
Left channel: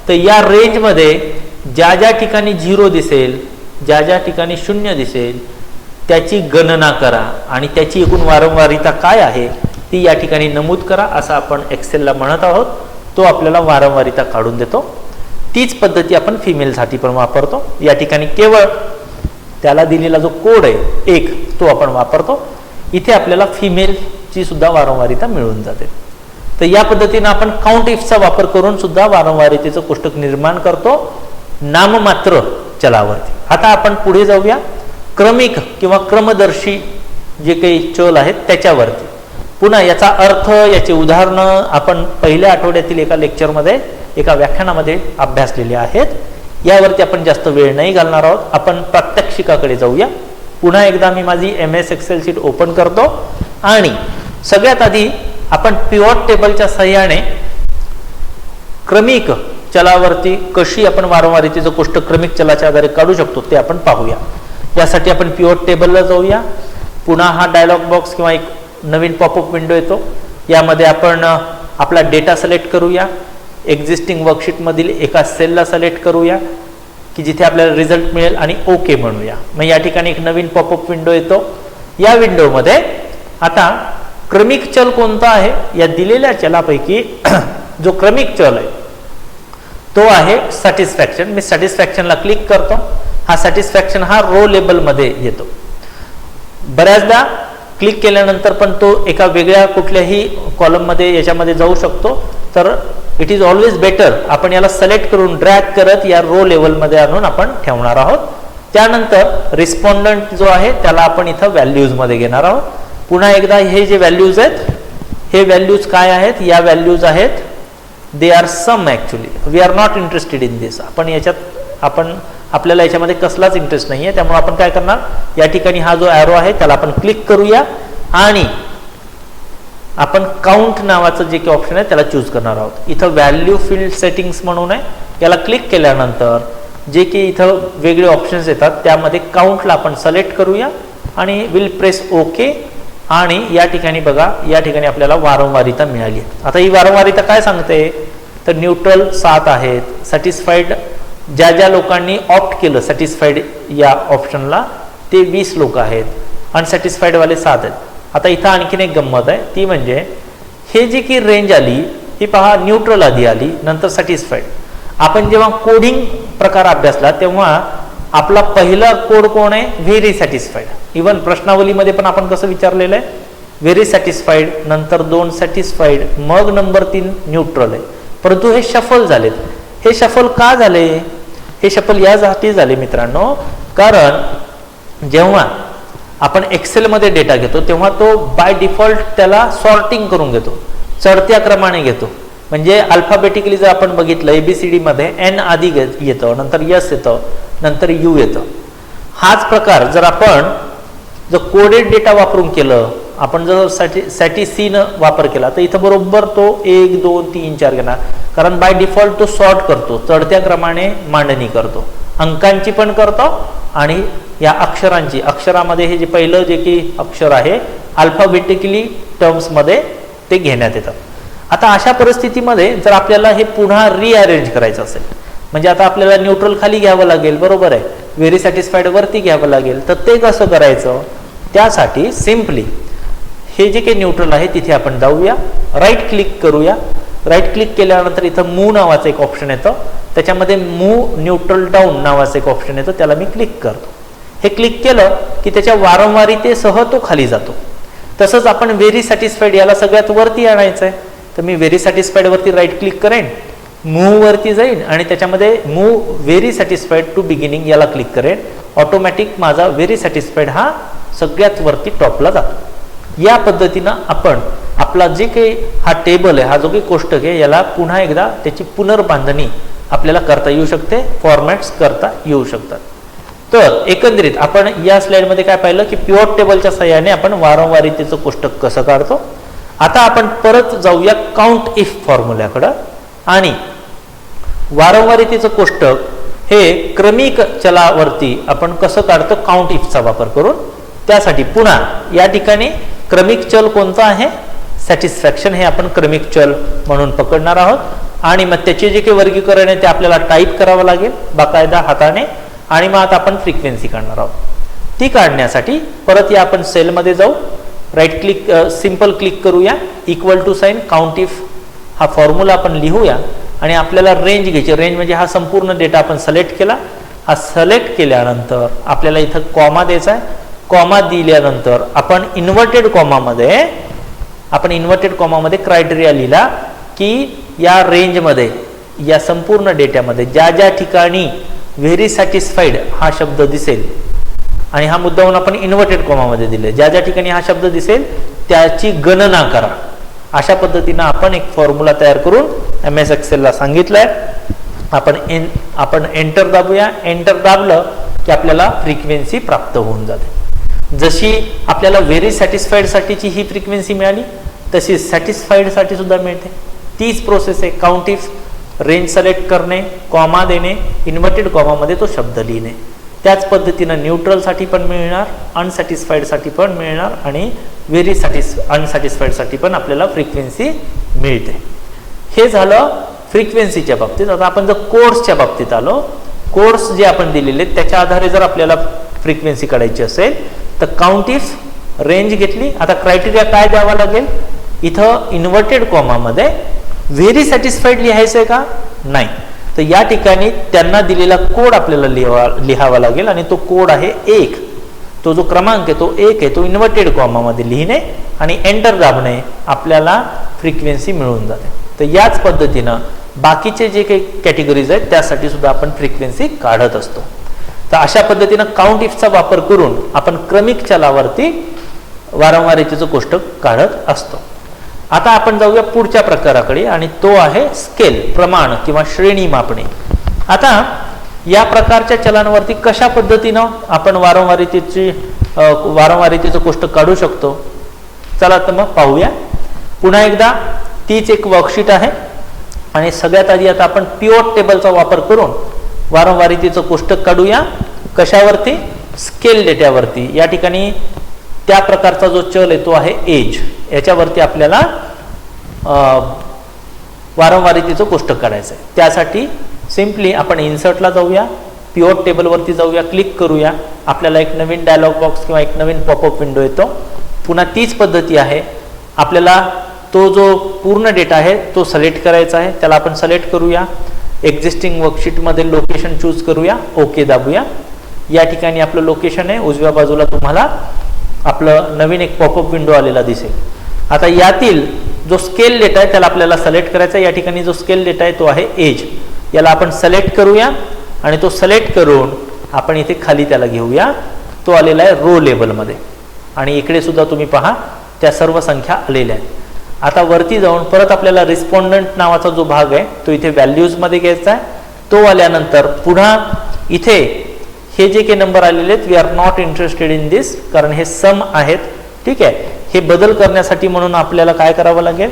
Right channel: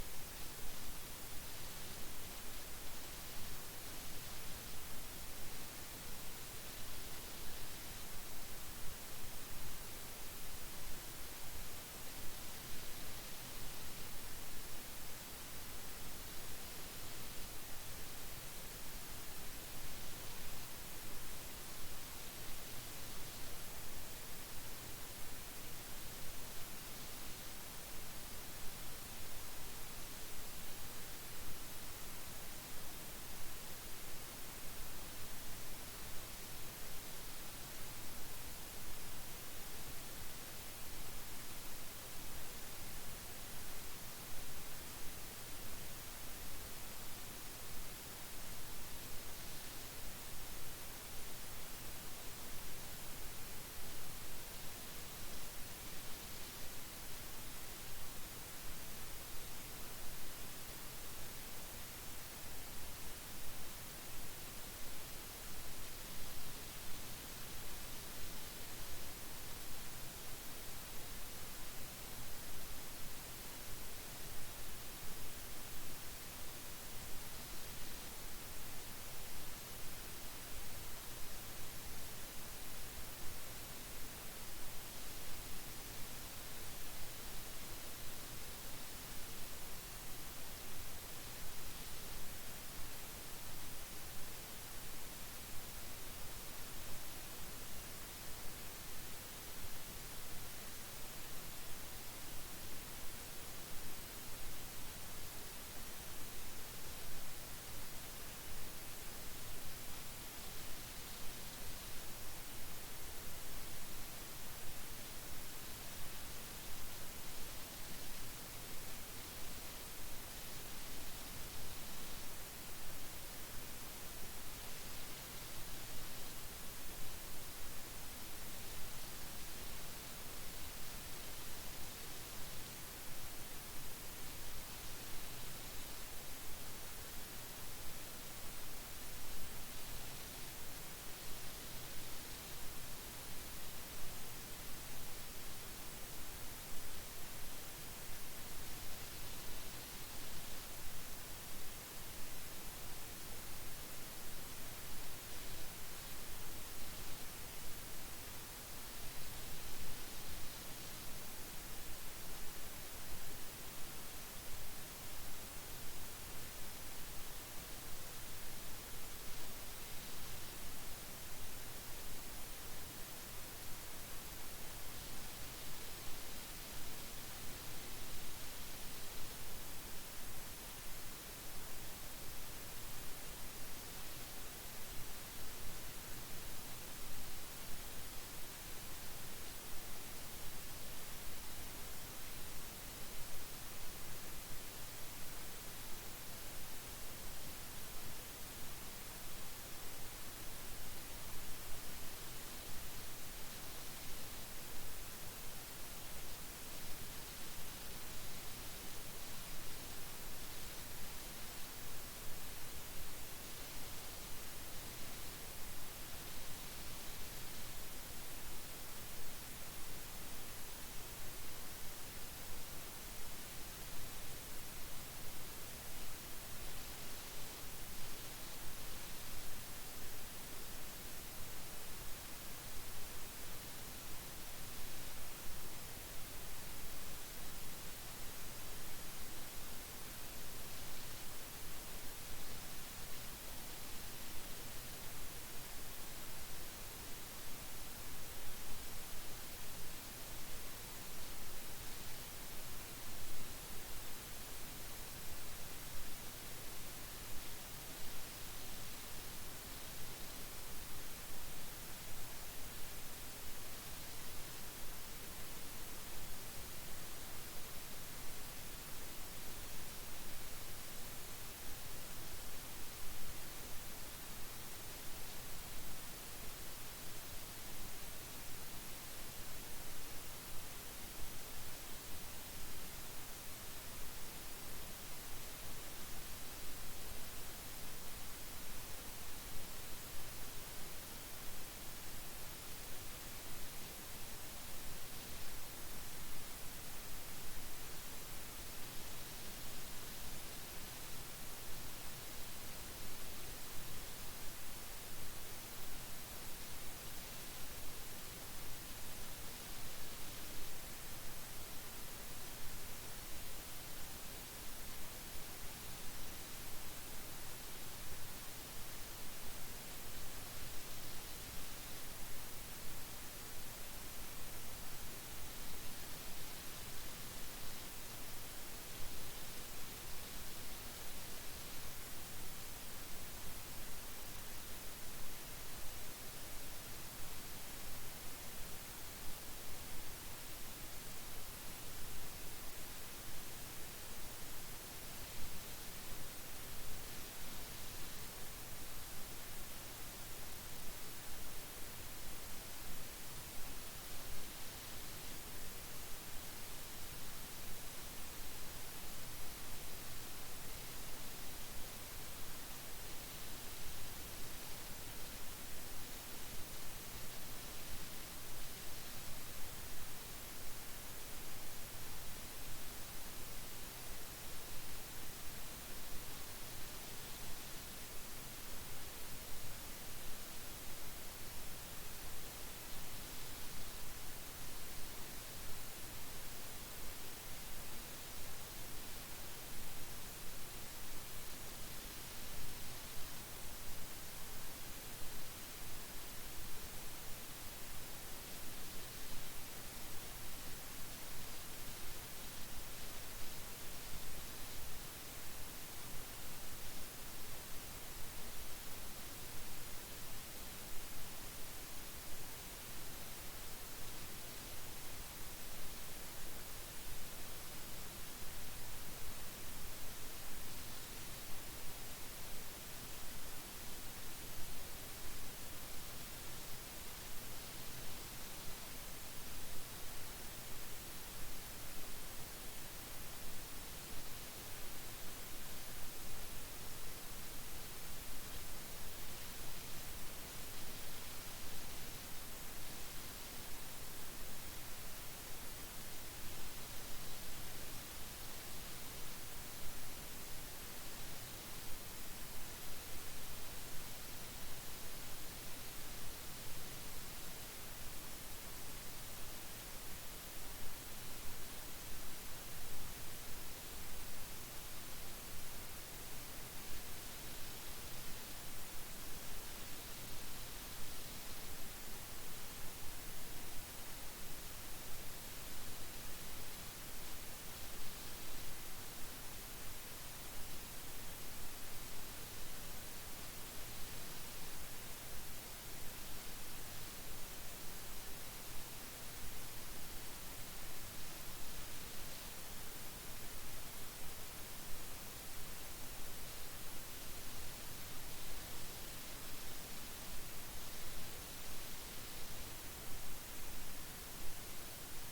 तर या रेंजमध्ये ज्या ज्या ठिकाणी 0 दिसेल, ज्या ज्या ठिकाणी 0 दिसेल त्याची गणना करा आणि त्याची एकूण वारंवारिता काय आहे ती या ठिकाणी नमूद करा, असं आपण एक्सेलला म्हणत आहोत. तो आपल्याला वारंवारिता काढून देतो. तीच पद्धती आपण फिमेलसाठी पण वापरतो. या ठिकाणी केवळ त्याला दिलेला जो कोड आहे 1 तो आपण वापरतो. इथे आपल्याला फिमेलची सुद्धा वारंवारिता मिळून जाते. तर या पद्धतीने आपण काउंट इफचा वापर करून सुद्धा वारंवारितेचं कोष्टक निर्माण करतो नाममात्र चलावरती. आता आपण पुढे जाऊया क्रमिक किंवा क्रमदर्शी जे काही चल आहेत त्याच्यावरती. पुन्हा याचा अर्थ, याची उदाहरणं आपण पहिल्या आठवड्यातील एका लेक्चरमध्ये, एका व्याख्यानामध्ये अभ्यासलेले आहेत. यावरती आपण जास्त वेळ नाही घालणार आहोत. आपण प्रात्यक्षिकाकडे जाऊया. पुन्हा एकदा मी माझी MS एक्सेल शीट ओपन करतो आणि सगळ्यात आधी आपण पिव्होट टेबलच्या सहाय्याने क्रमिक चलावरती कशी आपण वारंवारितेचं कोष्टक क्रमिक चलाच्या आधारे काढू शकतो ते आपण पाहूया. यासाठी आपण पिव्होट टेबलला जाऊया. पुन्हा हा डायलॉग बॉक्स किंवा एक नवीन पॉपअप विंडो येतो. यामध्ये आपण आपला डेटा सिलेक्ट करूया. एक्झिस्टिंग वर्कशीटमधील एका सेलला सिलेक्ट करूया की जिथे आपल्याला रिझल्ट मिळेल आणि ओके म्हणूया. मग या ठिकाणी एक नवीन पॉपअप विंडो येतो. या विंडोमध्ये आता क्रमिक चल कोणता आहे? या दिलेल्या चलापैकी जो क्रमिक चल आहे तो आहे सॅटिस्फॅक्शन. मी सॅटिस्फॅक्शनला क्लिक करतो. हा सॅटिस्फॅक्शन हा रो लेबलमध्ये येतो. बऱ्याचदा क्लिक केल्यानंतर पण तो एका वेगळ्या कुठल्याही कॉलममध्ये याच्यामध्ये जाऊ शकतो. तर इट इज ऑलवेज बेटर आपण याला सिलेक्ट करून ड्रॅग करत या रो लेवलमध्ये आणून आपण ठेवणार आहोत. त्यानंतर रिस्पॉन्डंट जो आहे त्याला आपण इथं व्हॅल्यूजमध्ये घेणार आहोत. पुन्हा एकदा हे जे व्हॅल्यूज आहेत हे व्हॅल्यूज काय आहेत, या व्हॅल्यूज आहेत they are sum. Actually we are not interested in this. आपल्याला याच्यामध्ये कसलाच इंटरेस्ट नाही आहे. त्यामुळे आपण काय करणार, या ठिकाणी हा जो ॲरो आहे त्याला आपण क्लिक करूया आणि आपण काउंट नावाचं जे काही ऑप्शन आहे त्याला चूज करणार आहोत. इथं व्हॅल्यू फील्ड सेटिंग्स म्हणून आहे, याला क्लिक केल्यानंतर जे की इथं वेगळे ऑप्शन्स येतात त्यामध्ये काउंटला आपण सिलेक्ट करूया आणि विल प्रेस ओके. आणि या ठिकाणी बघा, या ठिकाणी आपल्याला वारंवारिता मिळाली. आता ही वारंवारिता काय सांगते, तर न्यूट्रल 7 आहेत, सॅटिस्फाईड ज्या लोकांनी ऑप्ट केलं सॅटिस्फाईड या ऑप्शनला ते 20 लोक आहेत, अनसॅटिस्फाईड वाले 7 आहेत. आता इथं आणखीन एक गंमत आहे, ती म्हणजे हे जी की रेंज आली ही पहा, न्यूट्रल आधी आली नंतर सॅटिस्फाईड. आपण जेव्हा कोडिंग प्रकार अभ्यासला तेव्हा आपला पहिला कोड कोण आहे, व्हेरी सॅटिस्फाईड. इवन प्रश्नावलीमध्ये पण आपण कसं विचारलेलं आहे, व्हेरी सॅटिस्फाईड, नंतर 2 सॅटिस्फाईड, मग नंबर 3 न्यूट्रल आहे. परंतु हे शफल झालेत. हे शफल का झाले, हे शफल यासाठी झाले मित्रांनो, कारण जेव्हा आपण एक्सेलमध्ये डेटा घेतो तेव्हा तो बाय डिफॉल्ट त्याला सॉर्टिंग करून घेतो, चढत्या क्रमाने घेतो. म्हणजे अल्फाबेटिकली जर आपण बघितलं ABCD मध्ये एन आधी येतं, नंतर यस येतं, नंतर यू येतं. हाच प्रकार जर आपण कोडेड डेटा वापरून केलं, आपण जर सॅटिसीनं वापर केला तर इथं बरोबर तो 1 2 3 4 घेणार, कारण बाय डिफॉल्ट तो सॉर्ट करतो, चढत्या क्रमाने मांडणी करतो, अंकांची पण करतो आणि या अक्षरांची. अक्षरामध्ये हे जे पहिलं जे की अक्षर आहे अल्फाबेटिकली टर्म्समध्ये ते घेण्यात येतं. आता अशा परिस्थितीमध्ये जर आपल्याला हे पुन्हा रिअरेंज करायचं असेल, म्हणजे आता आपल्याला न्यूट्रल खाली घ्यावं लागेल, बरोबर आहे, व्हेरी सॅटिस्फाईड वरती घ्यावं लागेल, तर ते कसं करायचं, त्यासाठी सिम्पली हे जे काही न्यूट्रल आहे तिथे आपण जाऊया, राईट क्लिक करूया. राईट क्लिक केल्यानंतर इथं मूव नावाचं एक ऑप्शन येतं, त्याच्यामध्ये मूव न्यूट्रल डाऊन नावाचं एक ऑप्शन येतं, त्याला मी क्लिक करतो. हे क्लिक केलं की त्याच्या वारंवारितेसह तो खाली जातो. तसंच आपण व्हेरी सॅटिस्फाईड याला सगळ्यात वरती आणायचं आहे, तर मी व्हेरी सॅटिस्फाईड वरती राईट क्लिक करेन, मूव वरती जाईन आणि त्याच्यामध्ये move very satisfied to beginning याला क्लिक करेन. ऑटोमॅटिक माझा व्हेरी सॅटिस्फाईड हा सगळ्यात वरती टॉपला जातो. या पद्धतीनं आपण आपला जे काही हा टेबल आहे, हा जो काही कोष्टक आहे, याला पुन्हा एकदा त्याची पुनर्बांधणी आपल्याला करता येऊ शकते, फॉर्मॅट्स करता येऊ शकतात. तर एकंदरीत आपण या स्लाइडमध्ये काय पाहिलं की पिव्होट टेबलच्या सहाय्याने आपण वारंवारितेचं कोष्टक कसं काढतो. आता आपण परत जाऊया काउंट इफ फॉर्म्युल्याकडं आणि वारंवारितेचं कोष्टक हे क्रमिक चलावरती आपण कसं काढतो काउंट इफचा वापर करून. त्यासाठी पुन्हा या ठिकाणी क्रमिक चल कोणता आहे, सॅटिस्फॅक्शन हे आपण क्रमिक चल म्हणून पकडणार आहोत आणि मग त्याचे जे काही वर्गीकरण आहे ते आपल्याला टाईप करावं लागेल बाकायदा हाताने आणि मग आता आपण फ्रिक्वेन्सी काढणार आहोत. ती काढण्यासाठी परत या आपण सेलमध्ये जाऊ, राईट क्लिक सिंपल क्लिक करूया, equal to sign count if हा फॉर्म्युला आपण लिहूया आणि आपल्याला रेंज घ्यायची. रेंज म्हणजे हा संपूर्ण डेटा आपण सिलेक्ट केला, हा सिलेक्ट केल्यानंतर आपल्याला इथं कॉमा द्यायचा आहे. कॉमा दिल्यानंतर आपण इन्व्हर्टेड कॉमामध्ये क्रायटेरिया लिहिला की या रेंजमध्ये या संपूर्ण डेटामध्ये ज्या ज्या ठिकाणी व्हेरी सॅटिस्फाईड हा शब्द दिसेल आणि हा मुद्दाहून आपण इन्व्हर्टेड कॉमामध्ये दिले, ज्या ज्या ठिकाणी हा शब्द दिसेल त्याची गणना करा. अशा पद्धतीनं आपण एक फॉर्म्युला तयार करून MS एक्सेलला सांगितलंय. आपण एंटर दाबूया. एंटर दाबलं की आपल्याला फ्रिक्वेन्सी प्राप्त होऊन जाते. जशी आपल्याला व्हेरी सॅटिस्फाईड साठीची ही फ्रिक्वेन्सी मिळाली तशी सॅटिस्फाईड साठी सुद्धा मिळते. तीच प्रोसेस आहे, काउंट इफ, रेंज सिलेक्ट करणे, कॉमा देणे, इन्व्हर्टेड कॉमामध्ये तो शब्द लिहिणे. त्याच पद्धतीनं न्यूट्रल साठी पण मिळणार, अनसॅटिस्फाईड साठी पण मिळणार आणि व्हेरी अनसॅटिस्फाईड साठी पण आपल्याला फ्रिक्वेन्सी मिळते. हे झालं फ्रिक्वेन्सीच्या बाबतीत. आता आपण जर कोड्सच्या बाबतीत आलो, कोड्स जे आपण दिलेले त्याच्या आधारे जर आपल्याला फ्रिक्वेन्सी काढायची असेल तर काउंट इफ, रेंज घेतली. आता क्रायटेरिया काय द्यावा लागेल, इथं इन्व्हर्टेड कॉमामध्ये व्हेरी सॅटिस्फाईड लिहायचं आहे का, नाही, तर या ठिकाणी त्यांना दिलेला कोड आपल्याला लिहावा लागेल आणि तो कोड आहे 1. तो जो क्रमांक आहे तो 1 आहे, तो इन्व्हर्टेड कॉमामध्ये लिहिणे आणि एंटर दाबणे, आपल्याला फ्रिक्वेन्सी मिळून जाते. तर याच पद्धतीनं बाकीचे जे काही कॅटेगरीज आहेत त्यासाठी सुद्धा आपण फ्रिक्वेन्सी काढत असतो. तर अशा पद्धतीनं काउंट इफचा वापर करून आपण क्रमिक चलावरती वारंवारितेचं कोष्टक काढत असतो. आता आपण जाऊया पुढच्या प्रकाराकडे आणि तो आहे स्केल, प्रमाण किंवा श्रेणी मापणे. आता या प्रकारच्या चलांवरती कशा पद्धतीनं आपण वारंवारितेचं कोष्टक काढू शकतो, चला तर मग पाहूया. पुन्हा एकदा तीच एक वर्कशीट आहे आणि सगळ्यात आधी आता आपण पिव्होट टेबलचा वापर करून वारंवारितेचं कोष्टक काढूया. कशावरती? स्केल डेटावरती. या ठिकाणी त्या प्रकारचा जो चल आहे तो आहे एज. याच्यावरती आपल्याला वारंवारितेचं कोष्टक काढायचं आहे. त्यासाठी सिम्पली आपण इन्सर्टला जाऊया, पिव्होट टेबलवरती जाऊया, क्लिक करूया. आपल्याला एक नवीन डायलॉग बॉक्स किंवा एक नवीन पॉपअप विंडो येतो. पुन्हा तीच पद्धती आहे. आपल्याला तो जो पूर्ण डेटा आहे तो सिलेक्ट करायचा आहे. त्याला आपण सिलेक्ट करूया. एक्झिस्टिंग वर्कशीटमध्ये लोकेशन चूज करूया, ओके दाबूया. या ठिकाणी आपलं लोकेशन आहे. उजव्या बाजूला तुम्हाला आपलं नवीन एक पॉपअप विंडो आलेला दिसेल. आता यातील जो स्केल डेटा आहे त्याला आपल्याला सिलेक्ट करायचा आहे. या ठिकाणी जो स्केल डेटा आहे तो आहे एज. याला आपण सिलेक्ट करूया आणि तो सिलेक्ट करून आपण इथे खाली त्याला घेऊया. तो आलेला आहे रो लेबलमध्ये आणि इकडे सुद्धा तुम्ही पहा त्या सर्व संख्या आलेल्या आहेत. आता वरती जाऊन परत आपल्याला रिस्पॉन्डंट नावाचा जो भाग आहे तो इथे व्हॅल्यूजमध्ये घ्यायचा आहे. तो आल्यानंतर पुन्हा इथे हे जे काही नंबर आलेले आहेत, we are not interested in this, कारण हे सम आहेत. ठीक आहे. हे बदल करण्यासाठी म्हणून आपल्याला काय करावं लागेल,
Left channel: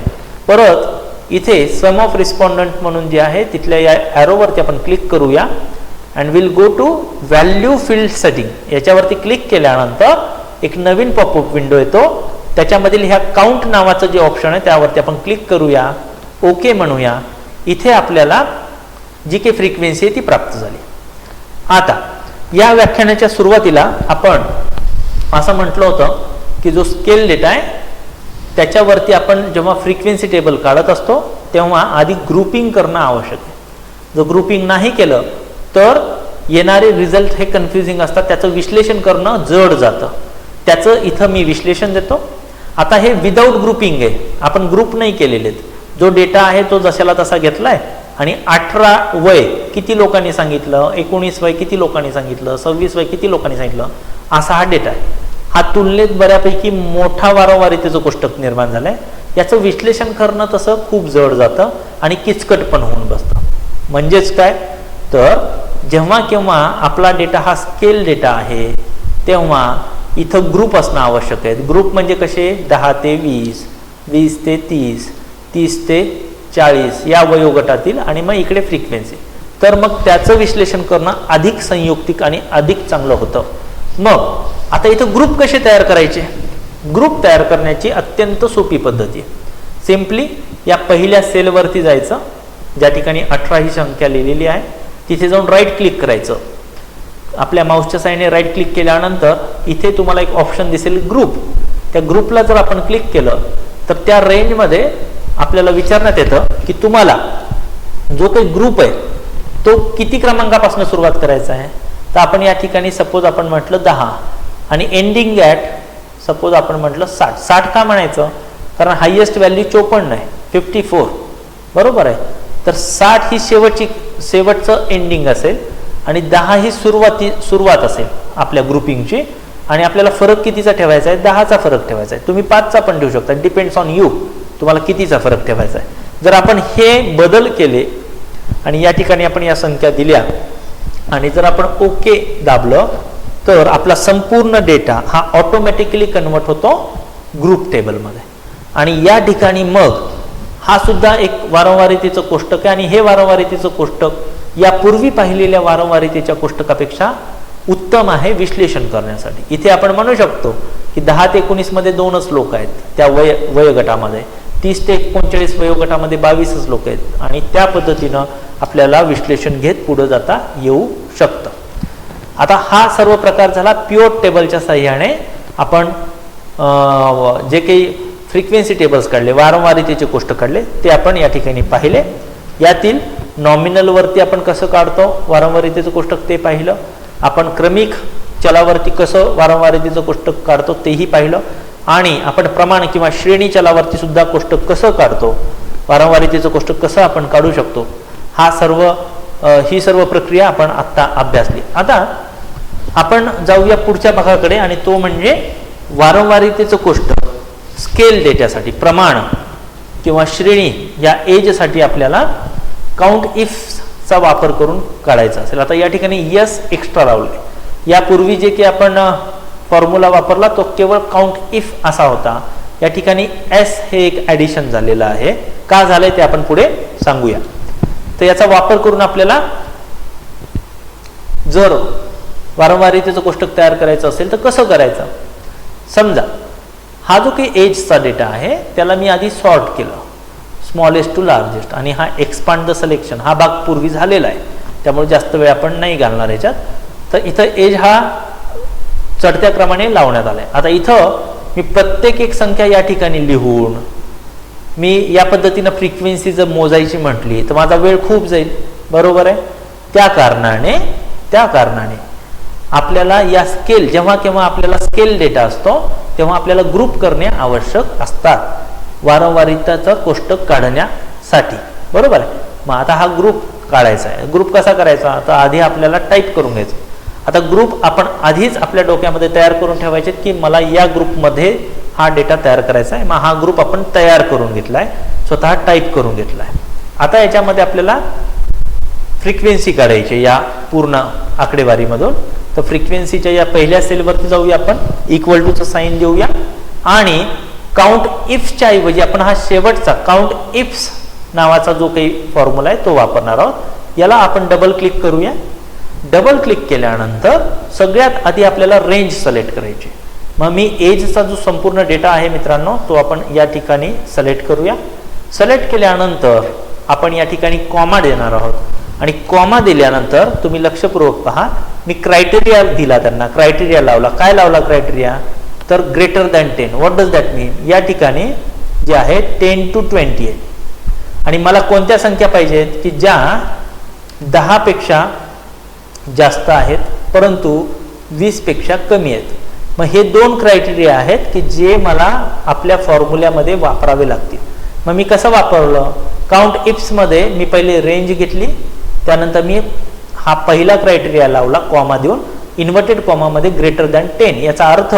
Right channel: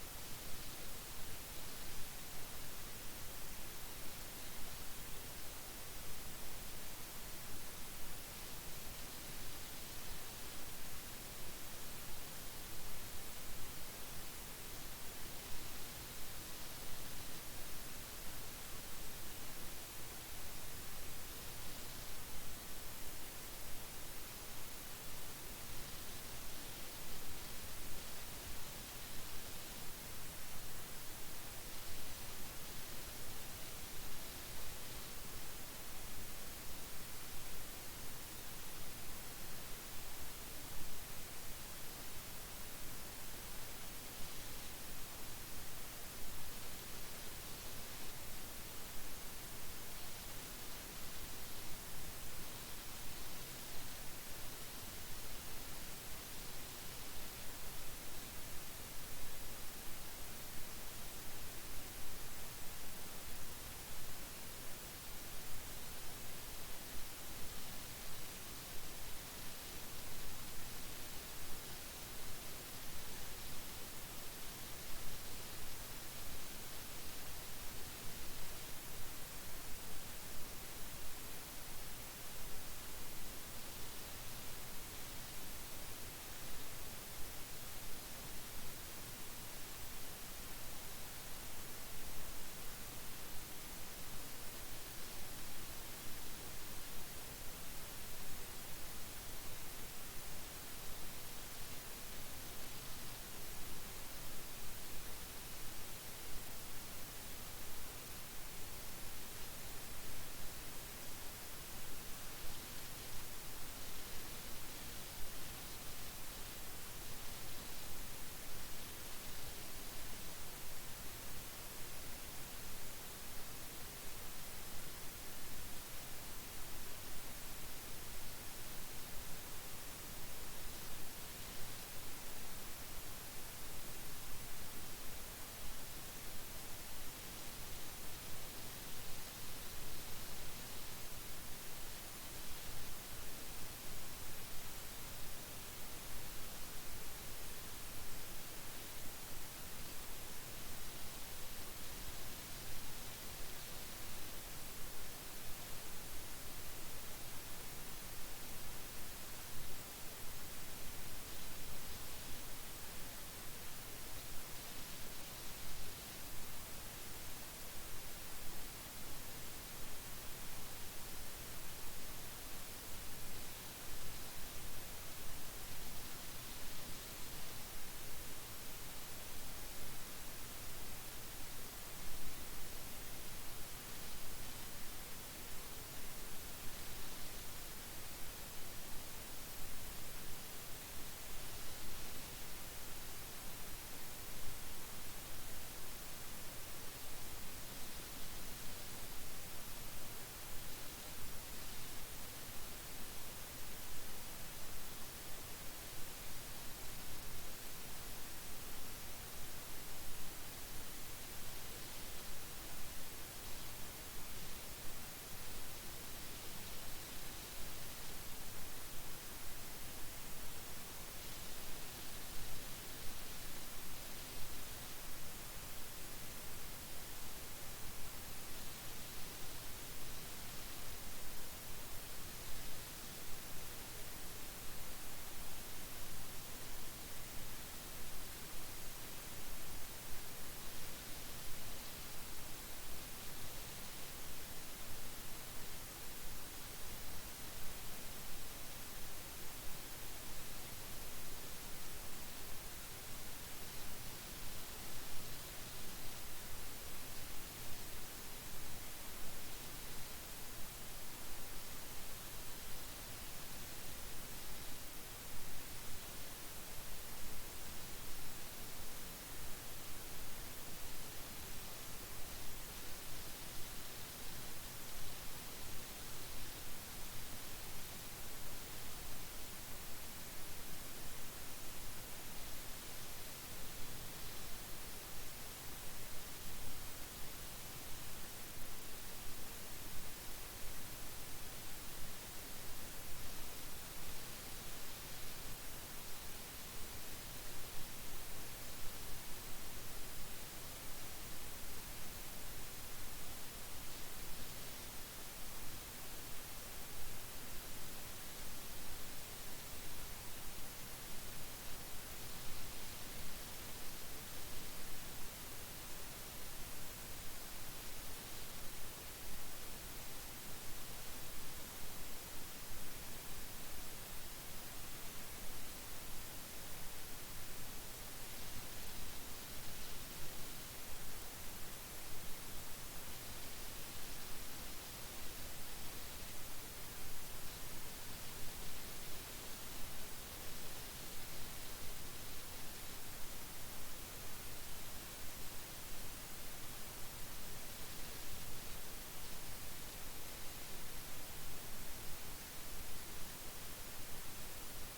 परत इथे सम ऑफ रिस्पॉन्डंट म्हणून जे आहे तिथल्या या ॲरोवरती आपण क्लिक करूया and will go to value field setting. याच्यावरती क्लिक केल्यानंतर एक नवीन पॉपअप विंडो येतो. त्याच्यामधील ह्या काउंट नावाचं जे ऑप्शन आहे त्यावरती आपण क्लिक करूया, ओके म्हणूया. इथे आपल्याला जी काही फ्रिक्वेन्सी आहे ती प्राप्त झाली. आता या व्याख्यानाच्या सुरुवातीला आपण असं म्हटलं होतं की जो स्केल डेटा आहे त्याच्यावरती आपण जेव्हा फ्रिक्वेन्सी टेबल काढत असतो तेव्हा आधी ग्रुपिंग करणं आवश्यक आहे. जर ग्रुपिंग नाही केलं तर येणारे रिझल्ट हे कन्फ्युजिंग असतात, त्याचं विश्लेषण करणं जड जातं. त्याचं इथं मी विश्लेषण देतो. आता हे विदाऊट ग्रुपिंग आहे, आपण ग्रुप नाही केलेले आहेत. जो डेटा आहे तो जशाला तसा घेतलाय आणि 18 वय किती लोकांनी सांगितलं, 19 वय किती लोकांनी सांगितलं, 26 वय किती लोकांनी सांगितलं, असा हा डेटा आहे. हा तुलनेत बऱ्यापैकी मोठा वारंवारितेचं कोष्टक निर्माण झालंय. याचं विश्लेषण करणं तसं खूप जड जातं आणि किचकट पण होऊन बसतं. म्हणजेच काय तर जेव्हा केव्हा आपला डेटा हा स्केल डेटा आहे तेव्हा इथं ग्रुप असणं आवश्यक आहे. ग्रुप म्हणजे कसे 10 ते 20, 20 ते 30, 30 ते 40 या वयोगटातील आणि मग इकडे फ्रिक्वेन्सी. तर मग त्याचं विश्लेषण करणं अधिक संयुक्तिक आणि अधिक चांगलं होतं. मग आता इथं ग्रुप कसे तयार करायचे? ग्रुप तयार करण्याची अत्यंत सोपी पद्धती आहे. सिम्पली या पहिल्या सेलवरती जायचं, ज्या ठिकाणी 18 ही संख्या लिहिलेली आहे तिथे जाऊन राईट क्लिक करायचं. आपल्या माऊसच्या साईडने राईट क्लिक केल्यानंतर इथे तुम्हाला एक ऑप्शन दिसेल ग्रुप. त्या ग्रुपला जर आपण क्लिक केलं तर त्या रेंजमध्ये आपल्याला विचारण्यात येतं की तुम्हाला जो काही ग्रुप आहे तो किती क्रमांकापासून सुरुवात करायचा आहे. तर आपण या ठिकाणी सपोज आपण म्हटलं 10 आणि एंडिंग ॲट सपोज आपण म्हटलं 60. 60 का म्हणायचं? कारण हायेस्ट व्हॅल्यू 54 आहे, 54 बरोबर आहे. तर 60 ही शेवटचं एंडिंग असेल आणि 10 ही सुरुवात असेल आपल्या ग्रुपिंगची. आणि आपल्याला फरक कितीचा ठेवायचा आहे? 10चा फरक ठेवायचा आहे. तुम्ही 5चा पण ठेवू शकता, डिपेंड्स ऑन यू, तुम्हाला कितीचा फरक ठेवायचा आहे. जर आपण हे बदल केले आणि या ठिकाणी आपण या संख्या दिल्या आणि जर आपण ओके दाबलं तर आपला संपूर्ण डेटा हा ऑटोमॅटिकली कन्वर्ट होतो ग्रुप टेबलमध्ये. आणि या ठिकाणी मग हा सुद्धा एक वारंवारितेचं कोष्टक आहे आणि हे वारंवारितेचं कोष्टक यापूर्वी पाहिलेल्या वारंवारितेच्या कोष्टकापेक्षा उत्तम आहे विश्लेषण करण्यासाठी. इथे आपण म्हणू शकतो की 10 ते 19 मध्ये 2च लोक आहेत त्या वयोगटामध्ये, 30 ते 39 वयोगटामध्ये 22च लोक आहेत आणि त्या पद्धतीनं आपल्याला विश्लेषण घेत पुढे जाता येऊ शकतं. आता हा सर्व प्रकार झाला पिव्होट टेबलच्या साहाय्याने आपण जे काही फ्रिक्वेन्सी टेबल्स काढले, वारंवारितेचे कोष्टक काढले ते आपण या ठिकाणी पाहिले. यातील नॉमिनलवरती आपण कसं काढतो वारंवारितेचं कोष्टक ते पाहिलं. आपण क्रमिक चलावरती कसं वारंवारितेचं कोष्टक काढतो तेही पाहिलं. आणि आपण प्रमाण किंवा श्रेणी चलावरती सुद्धा कोष्टक कसं काढतो वारंवारितेचं कोष्टक कसं आपण काढू शकतो, ही सर्व प्रक्रिया आपण आत्ता अभ्यासली. आता आपण जाऊया पुढच्या भागाकडे, आणि तो म्हणजे वारंवारितेचं कोष्टक स्केल डेटासाठी, प्रमाण किंवा श्रेणी या एजसाठी आपल्याला काउंट इफचा वापर करून काढायचा असेल. आता या ठिकाणी यस एक्स्ट्रा लावले. यापूर्वी जे की आपण फॉर्म्युला वापरला तो केवळ काउंट इफ असा होता. या ठिकाणी एस हे एक ॲडिशन झालेलं आहे. का झालंय ते आपण पुढे सांगूया. तर याचा वापर करून आपल्याला जर वारंवारितेचं कोष्टक तयार करायचं असेल तर कसं करायचं. समजा हा जो काही एजचा डेटा आहे त्याला मी आधी सॉर्ट केलं, स्मॉलेस्ट टू लार्जेस्ट, आणि हा एक्सपांड द सिलेक्शन हा भाग पूर्वी झालेला आहे, त्यामुळे जास्त वेळ आपण नाही घालणार याच्यात. तर इथं एज हा चढत्या क्रमाने लावण्यात आलाय. आता इथं मी प्रत्येक एक संख्या या ठिकाणी लिहून मी या पद्धतीनं फ्रिक्वेन्सी जर मोजायची म्हटली तर माझा वेळ खूप जाईल, बरोबर आहे. त्या कारणाने आपल्याला या स्केल, जेव्हा केव्हा आपल्याला स्केल डेटा असतो तेव्हा आपल्याला ग्रुप करणे आवश्यक असतात वारंवारितेचं कोष्टक काढण्यासाठी, बरोबर आहे. मग आता हा ग्रुप काढायचा आहे. ग्रुप कसा करायचा, आता आधी आपल्याला टाईप करून घ्यायचं. आता ग्रुप आपण आधीच आपल्या डोक्यामध्ये तयार करून ठेवायचे की मला या ग्रुपमध्ये हा डेटा तयार करायचा आहे. मग हा ग्रुप आपण तयार करून घेतलाय, स्वतः टाईप करून घेतलाय. आता याच्यामध्ये आपल्याला फ्रिक्वेन्सी काढायची या पूर्ण आकडेवारीमधून. तर फ्रिक्वेन्सीच्या या पहिल्या सेलवरती जाऊया, आपण इक्वल टूचं साईन देऊया, आणि काउंट इफ्सच्या ऐवजी आपण हा शेवटचा काउंट इफ्स नावाचा जो काही फॉर्म्युला आहे तो वापरणार आहोत. याला आपण डबल क्लिक करूया. डबल क्लिक केल्यानंतर सगळ्यात आधी आपल्याला रेंज सिलेक्ट करायची. मग मी एजचा जो संपूर्ण डेटा आहे मित्रांनो तो आपण या ठिकाणी सिलेक्ट करूया. सिलेक्ट केल्यानंतर आपण या ठिकाणी कॉमा देणार आहोत, आणि कॉमा दिल्यानंतर तुम्ही लक्षपूर्वक पहा, मी क्रायटेरिया दिला, त्यांना क्रायटेरिया लावला. काय लावला क्रायटेरिया, तर greater than 10. What does that mean, या ठिकाणी जे आहे 10 to 20 आहे, आणि मला कोणत्या संख्या पाहिजेत की ज्या 10 पेक्षा जास्त आहेत परंतु 20 पेक्षा कमी आहेत. मग हे दोन क्रायटेरिया आहेत की जे मला आपल्या फॉर्म्युल्यामध्ये वापरावे लागतील. मग मी कसं वापरलं, काउंट इफ्समध्ये मी पहिले रेंज घेतली, त्यानंतर मी हा पहिला क्रायटेरिया लावला कॉमा देऊन, इन्व्हर्टेड कॉमामध्ये ग्रेटर दॅन 10. याचा अर्थ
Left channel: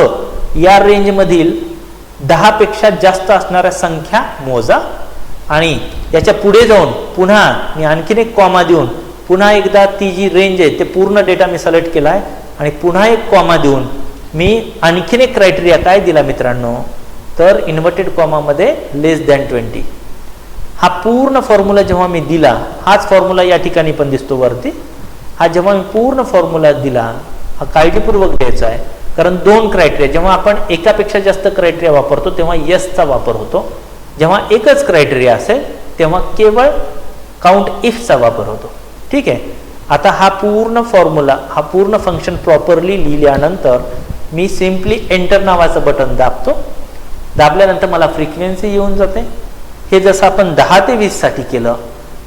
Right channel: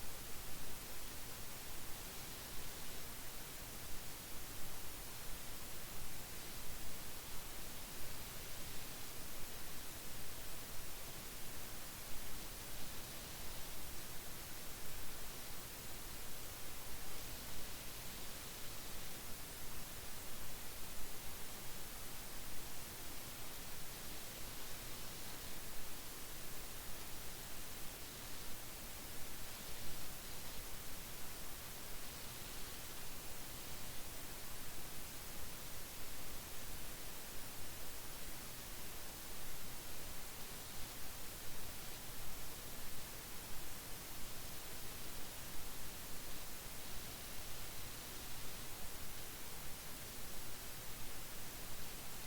या रेंजमधील 10 पेक्षा जास्त असणाऱ्या संख्या मोजा, आणि याच्या पुढे जाऊन पुन्हा मी आणखीन एक कॉमा देऊन पुन्हा एकदा ती जी रेंज आहे ते पूर्ण डेटा मी सिलेक्ट केला आहे, आणि पुन्हा एक कॉमा देऊन मी आणखीन एक क्रायटेरिया काय दिला मित्रांनो, तर इन्व्हर्टेड कॉमामध्ये लेस दॅन 20. हा पूर्ण फॉर्म्युला जेव्हा मी दिला, हाच फॉर्म्युला या ठिकाणी पण दिसतो वरती, हा जेव्हा मी पूर्ण फॉर्म्युला दिला, हा काळजीपूर्वक द्यायचा आहे, कारण दोन क्रायटेरिया, जेव्हा आपण एकापेक्षा जास्त क्रायटेरिया वापरतो तेव्हा यसचा वापर होतो, जेव्हा एकच क्रायटेरिया असेल तेव्हा केवळ काउंट इफचा वापर होतो. ठीक आहे. आता हा पूर्ण फॉर्म्युला, हा पूर्ण फंक्शन प्रॉपरली लिहिल्यानंतर मी सिम्पली एंटर नावाचं बटन दाबतो. दाबल्यानंतर मला फ्रिक्वेन्सी येऊन जाते. हे जसं आपण 10 ते 20 साठी केलं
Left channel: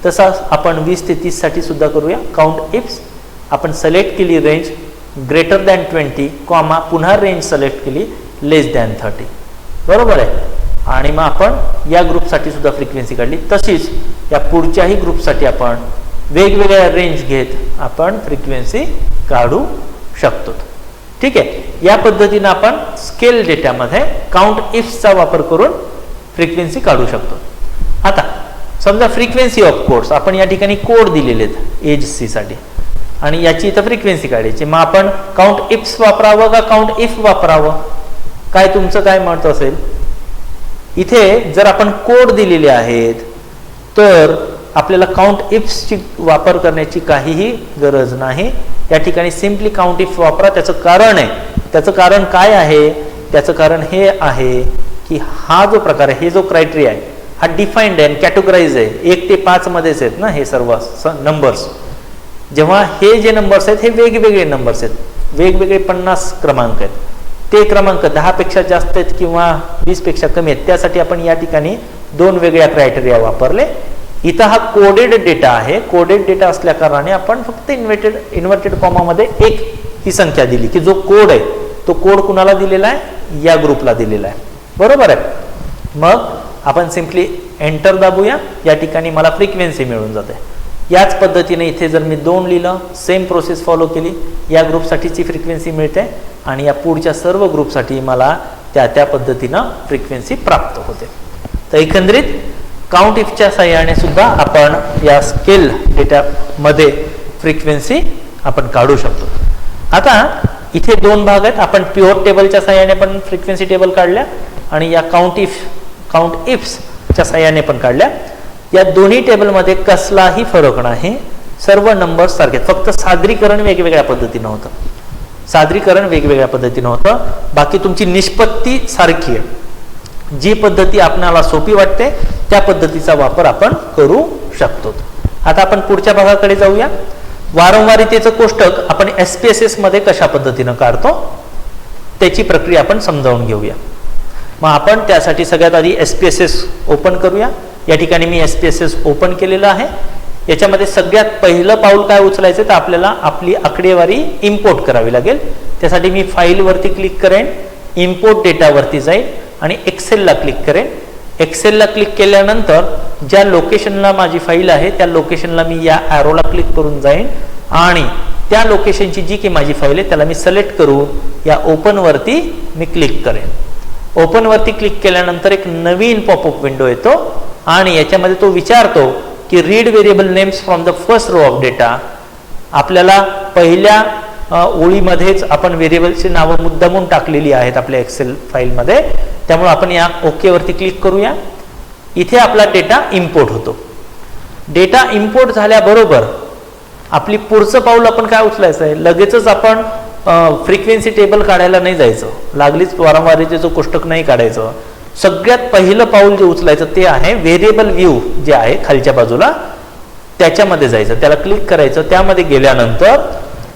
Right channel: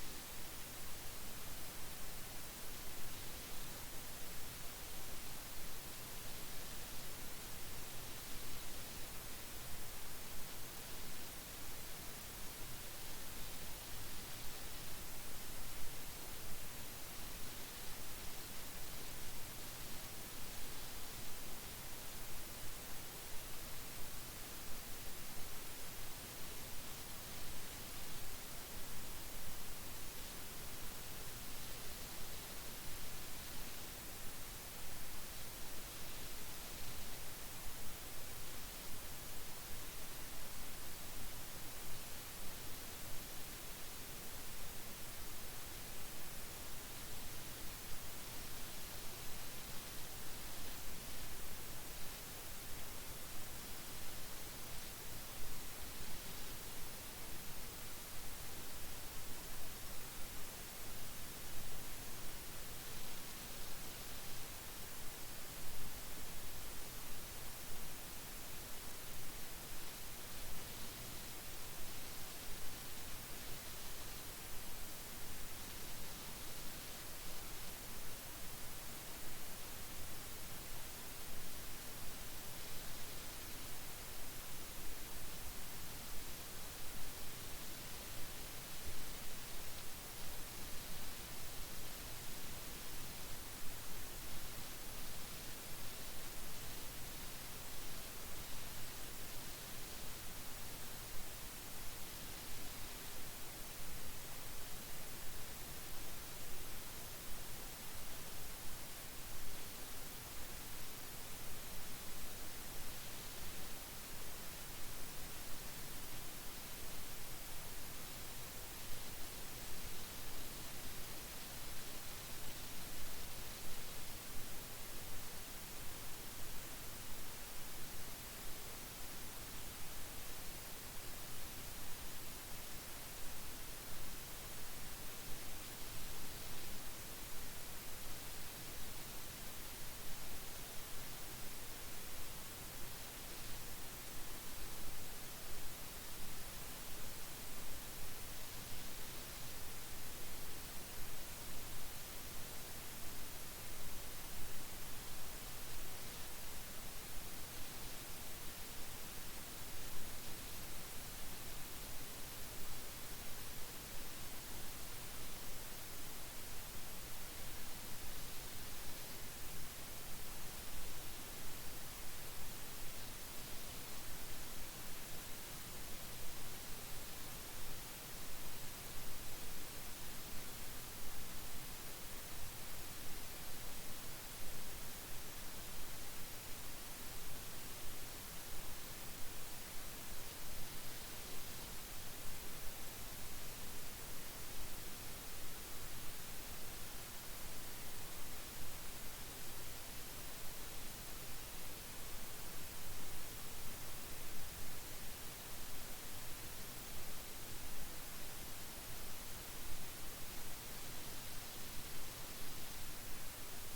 तसं आपण 20 ते 30 साठी सुद्धा करूया. काउंट इफ्स आपण सिलेक्ट केली रेंज ग्रेटर दॅन 20 कॉमा, पुन्हा रेंज सिलेक्ट केली लेस दॅन 30, बरोबर आहे. आणि मग आपण या ग्रुपसाठी सुद्धा फ्रिक्वेन्सी काढली. तशीच या पुढच्याही ग्रुपसाठी आपण वेगवेगळ्या रेंज घेत आपण फ्रिक्वेन्सी काढू शकतो. ठीक आहे. या पद्धतीने आपण स्केल डेटामध्ये काउंट इफ्सचा वापर करून फ्रिक्वेन्सी काढू शकतो. आता समजा फ्रिक्वेन्सी ऑफ कोड्स, आपण या ठिकाणी कोड दिलेले आहेत एज सी साठी, आणि याची इथं फ्रिक्वेन्सी काढायची. मग आपण काउंट इफ्स वापरावं का काउंट इफ वापरावं, काय तुमचं काय मत असेल. इथे जर आपण कोड दिलेले आहेत तर आपल्याला काउंट इफ्सची वापर करण्याची काहीही गरज नाही. या ठिकाणी सिम्पली काउंट इफ वापरा. त्याचं कारण आहे, त्याचं कारण काय आहे, त्याचं कारण हे आहे की हा जो प्रकार आहे, हे जो क्रायटेरिया आहे हा डिफाईन्ड आहे, कॅटेगराइज आहे. 1 ते 5 मध्येच आहेत ना हे सर्व नंबर्स. जेव्हा हे जे नंबर्स आहेत हे वेगवेगळे नंबर्स आहेत, वेगवेगळे 50 क्रमांक आहेत. ते क्रमांक 10 पेक्षा जास्त आहेत किंवा 20 पेक्षा कमी आहेत, त्यासाठी आपण या ठिकाणी दोन वेगळ्या क्रायटेरिया वापरले. इथं हा कोडेड डेटा आहे. कोडेड डेटा असल्या कारणाने आपण फक्त इन्व्हर्टेड कॉमामध्ये एक ही संख्या दिली की जो कोड आहे तो कोड कुणाला दिलेला आहे, या ग्रुपला दिलेला आहे, बरोबर आहे. मग आपण सिम्पली एंटर दाबूया, या ठिकाणी मला फ्रिक्वेन्सी मिळून जाते. याच पद्धतीने इथे जर मी 2 लिहिलं, सेम प्रोसेस फॉलो केली, या ग्रुपसाठीची फ्रिक्वेन्सी मिळते आणि या पुढच्या सर्व ग्रुपसाठी मला त्या पद्धतीनं फ्रिक्वेन्सी प्राप्त होते. तर एकंदरीत काउंट इफच्या साहाय्याने सुद्धा आपण या स्केल डेटामध्ये फ्रिक्वेन्सी आपण काढू शकतो. आता इथे 2 भाग आहेत. आपण प्युअर टेबलच्या साहाय्याने पण फ्रिक्वेन्सी टेबल काढल्या आणि या काउंट इफ्सच्या साहाय्याने पण काढल्या. या दोन्ही टेबलमध्ये कसलाही फरक नाही, सर्व नंबर्स सारखे, फक्त सादरीकरण वेगवेगळ्या पद्धतीनं होतं. बाकी तुमची निष्पत्ती सारखी आहे. जी पद्धती आपल्याला सोपी वाटते त्या पद्धतीचा वापर आपण करू शकतो. आता आपण पुढच्या भागाकडे जाऊया. वारंवारितेचं कोष्टक आपण SPSS मध्ये कशा पद्धतीनं काढतो त्याची प्रक्रिया आपण समजावून घेऊया. मग आपण त्यासाठी सगळ्यात आधी SPSS ओपन करूया. या ठिकाणी मी SPSS ओपन केलेलं आहे. याच्यामध्ये सगळ्यात पहिलं पाऊल काय उचलायचं तर आपल्याला आपली आकडेवारी इम्पोर्ट करावी लागेल. त्यासाठी मी फाईल वरती क्लिक करेन, इम्पोर्ट डेटा वरती जाईल आणि एक्सेलला क्लिक करेन. एक्सेलला क्लिक केल्यानंतर ज्या लोकेशनला माझी फाईल आहे त्या लोकेशनला मी या ॲरोला क्लिक करून जाईन आणि त्या लोकेशनची जी की माझी फाईल आहे त्याला मी सिलेक्ट करून या ओपन वरती मी क्लिक करेन. ओपन वरती क्लिक केल्यानंतर एक नवीन पॉपअप विंडो येतो आणि याच्यामध्ये तो विचारतो की read variable names from the first row of data. आपल्याला पहिल्या ओळीमध्येच आपण व्हेरिएबलची नावं मुद्दामून टाकलेली आहेत आपल्या एक्सेल फाईलमध्ये, त्यामुळे आपण या ओके वरती क्लिक करूया. इथे आपला डेटा इम्पोर्ट होतो. डेटा इम्पोर्ट झाल्याबरोबर आपली पुढचं पाऊल आपण काय उचलायचं आहे, लगेचच आपण फ्रिक्वेन्सी टेबल काढायला नाही जायचं, लागलीच वारंवारितेचं कोष्टक नाही काढायचं. सगळ्यात पहिलं पाऊल जे उचलायचं ते आहे व्हेरिएबल व्ह्यू जे आहे खालच्या बाजूला त्याच्यामध्ये जायचं, त्याला क्लिक करायचं. त्यामध्ये गेल्यानंतर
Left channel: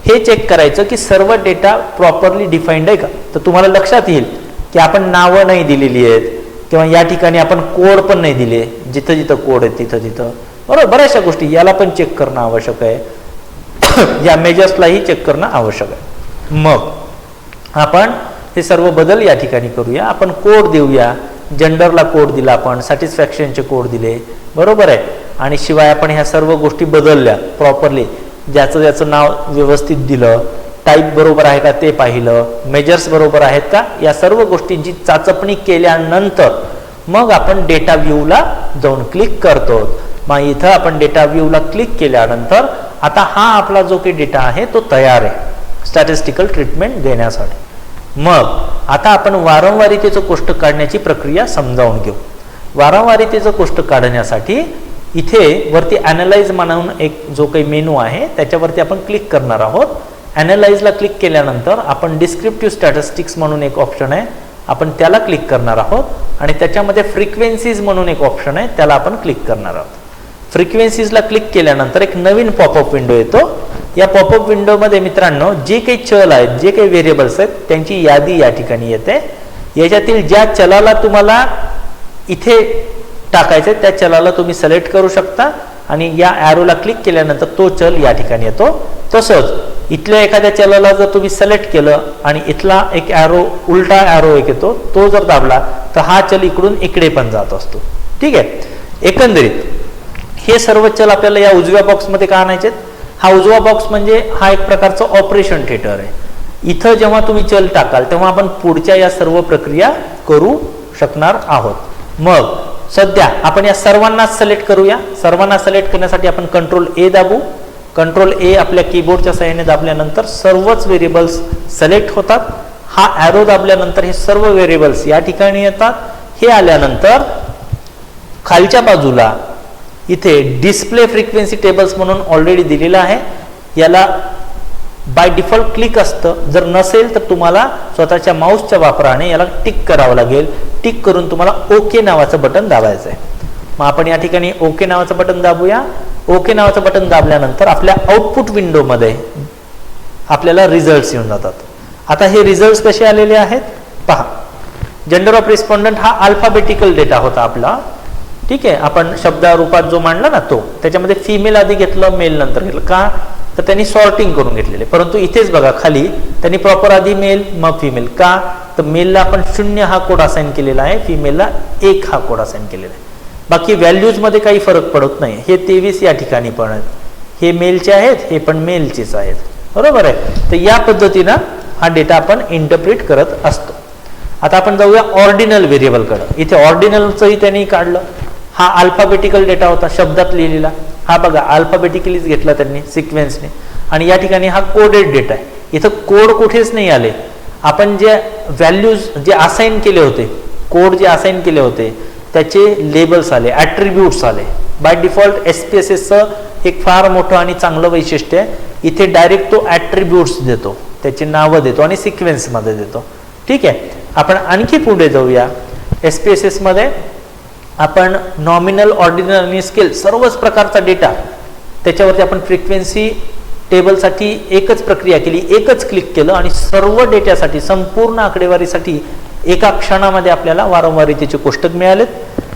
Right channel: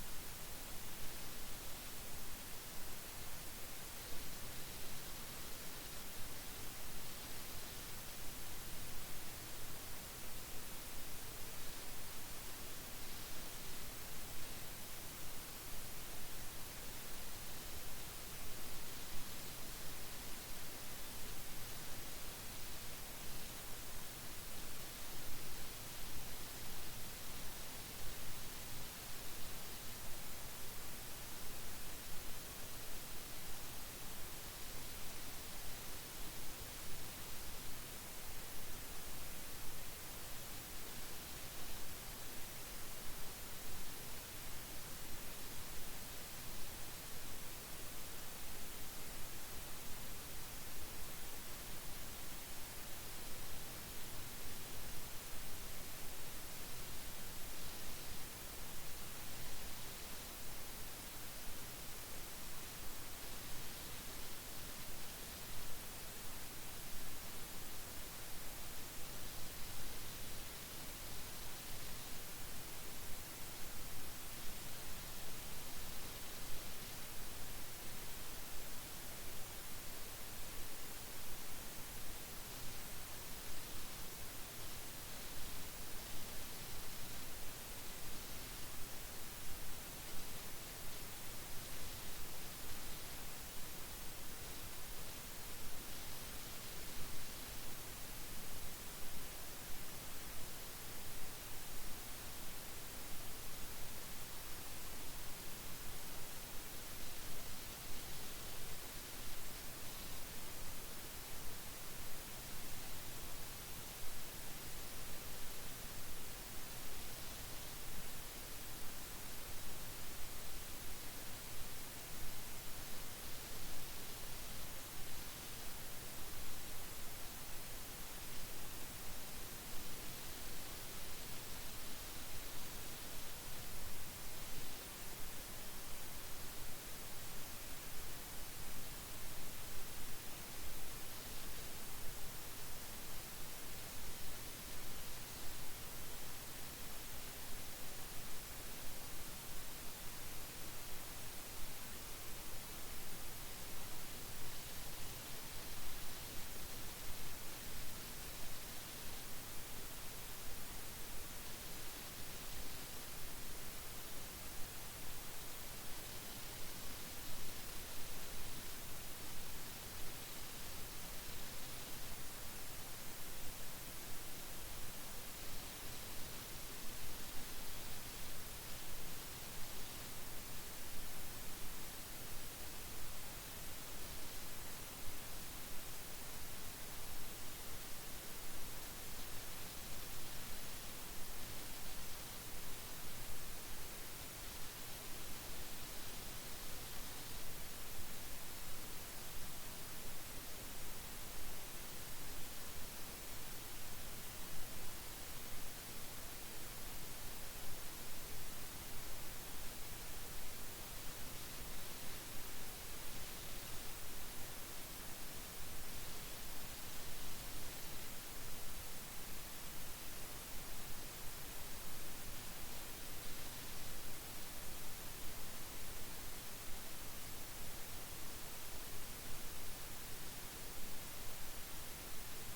हे चेक करायचं की सर्व डेटा प्रॉपरली डिफाईन्ड आहे का. तर तुम्हाला लक्षात येईल की आपण नावं नाही दिलेली आहेत किंवा या ठिकाणी आपण कोड पण नाही दिले, जिथं जिथं कोड आहे तिथं बरोबर. बऱ्याचशा गोष्टी याला पण चेक करणं आवश्यक आहे, या मेजर्सलाही चेक करणं आवश्यक आहे. मग आपण हे सर्व बदल या ठिकाणी करूया. आपण कोड देऊया, जेंडरला कोड दिला, आपण सॅटिस्फॅक्शनचे कोड दिले बरोबर आहे. आणि शिवाय आपण ह्या सर्व गोष्टी बदलल्या प्रॉपरली, ज्याचं नाव व्यवस्थित दिलं, टाईप बरोबर आहे का ते पाहिलं, मेजर्स बरोबर आहेत का, या सर्व गोष्टींची चाचपणी केल्यानंतर मग आपण डेटा व्ह्यूला जाऊन क्लिक करतो. मग इथं आपण डेटा व्ह्यूला क्लिक केल्यानंतर आता हा आपला जो काही डेटा आहे तो तयार आहे स्टॅटिस्टिकल ट्रीटमेंट देण्यासाठी. मग आता आपण वारंवारितेचं कोष्टक काढण्याची प्रक्रिया समजावून घेऊ. वारंवारितेचं कोष्टक काढण्यासाठी इथे वरती ॲनालाइज म्हणून एक जो काही मेनू आहे त्याच्यावरती आपण क्लिक करणार आहोत. ॲनालाइजला क्लिक केल्यानंतर आपण डिस्क्रिप्टिव्ह स्टॅटिस्टिक्स म्हणून एक ऑप्शन आहे, आपण त्याला क्लिक करणार आहोत आणि त्याच्यामध्ये फ्रिक्वेन्सीज म्हणून एक ऑप्शन आहे त्याला आपण क्लिक करणार आहोत. फ्रिक्वेन्सीजला क्लिक केल्यानंतर एक नवीन पॉपअप विंडो येतो. या पॉपअप विंडोमध्ये मित्रांनो जे काही चल आहेत, जे काही व्हेरिएबल्स आहेत त्यांची यादी या ठिकाणी येते. याच्यातील ज्या चलाला तुम्हाला इथे टाकायचं त्या चलाला तुम्ही सिलेक्ट करू शकता आणि या ॲरोला क्लिक केल्यानंतर तो चल या ठिकाणी येतो. तसंच इथल्या एखाद्या चलाला जर तुम्ही सिलेक्ट केलं आणि इथला एक ॲरो, उलटा ॲरो एक येतो, तो जर दाबला तर हा चल इकडून इकडे पण जात असतो. ठीक आहे. एकंदरीत हे सर्व चल आपल्याला या उजव्या बॉक्समध्ये का आणायचे. हा उजवा बॉक्स म्हणजे हा एक प्रकारचं ऑपरेशन थिएटर आहे. इथं जेव्हा तुम्ही चल टाकाल तेव्हा आपण पुढच्या या सर्व प्रक्रिया करू शकणार आहोत. मग सध्या आपण या सर्वांना सिलेक्ट करूया. सर्वांना सिलेक्ट करण्यासाठी आपण कंट्रोल ए दाबू. कंट्रोल ए आपल्या कीबोर्डच्या सहाय्याने दाबल्यानंतर सर्वच व्हेरिएबल्स सिलेक्ट होतात. हा ॲरो दाबल्यानंतर हे सर्व व्हेरिएबल्स या ठिकाणी येतात. हे आल्यानंतर खालच्या बाजूला इथे डिस्प्ले फ्रिक्वेन्सी टेबल्स म्हणून ऑलरेडी दिलेलं आहे, याला बाय डिफॉल्ट क्लिक असतं. जर नसेल तर तुम्हाला स्वतःच्या माऊसच्या वापराने याला टिक करावं लागेल. टिक करून तुम्हाला ओके नावाचं बटन दाबायचं आहे. मग आपण या ठिकाणी ओके नावाचं बटन दाबूया. ओके नावाचं बटन दाबल्यानंतर आपल्या आउटपुट विंडोमध्ये आपल्याला रिझल्ट्स येऊन जातात. आता हे रिझल्ट्स कसे आलेले आहेत पहा. जेंडर ऑफ रिस्पॉन्डंट हा अल्फाबेटिकल डेटा होता आपला. ठीक आहे. आपण शब्दारूपात जो मांडला ना तो, त्याच्यामध्ये फिमेल आधी घेतलं, मेल नंतर घेतलं. का तर त्यांनी सॉर्टिंग करून घेतलेले. परंतु इथेच बघा खाली त्यांनी प्रॉपर आधी मेल मग फिमेल. का तर मेलला आपण 0 हा कोड असाइन केलेला आहे, फिमेलला 1 हा कोड असाइन केलेला आहे. बाकी व्हॅल्यूजमध्ये काही फरक पडत नाही. हे 23 या ठिकाणी पण आहेत, हे मेलचे आहेत, हे पण मेलचेच आहेत, बरोबर आहे. तर या पद्धतीनं हा डेटा आपण इंटरप्रिट करत असतो. आता आपण जाऊया ऑर्डिनल व्हेरिएबलकडे. इथे ऑर्डिनलचंही त्यांनी काढलं. हा अल्फाबेटिकल डेटा होता, शब्दात लिहिलेला. हा बघा अल्फाबेटिकलीच घेतला त्यांनी सिक्वेन्सने. आणि या ठिकाणी हा कोडेड डेटा आहे. इथं कोड कुठेच नाही आले. आपण जे व्हॅल्यूज जे असाइन केले होते, कोड जे असाइन केले होते त्याचे लेबल्स आले, ॲट्रिब्यूट्स आले. बाय डिफॉल्ट SPSSचं एक फार मोठं आणि चांगलं वैशिष्ट्य आहे, इथे डायरेक्ट तो ॲट्रिब्यूट्स देतो, त्याची नावं देतो आणि सिक्वेन्समध्ये देतो. ठीक आहे. आपण आणखी पुढे जाऊया. SPSSमध्ये आपण नॉमिनल, ऑर्डिनल आणि स्केल सर्वच प्रकारचा डेटा त्याच्यावरती आपण फ्रिक्वेन्सी टेबलसाठी एकच प्रक्रिया केली, एकच क्लिक केलं आणि सर्व डेटासाठी, संपूर्ण आकडेवारीसाठी एका क्षणामध्ये आपल्याला वारंवारितेचे कोष्टक मिळालेत.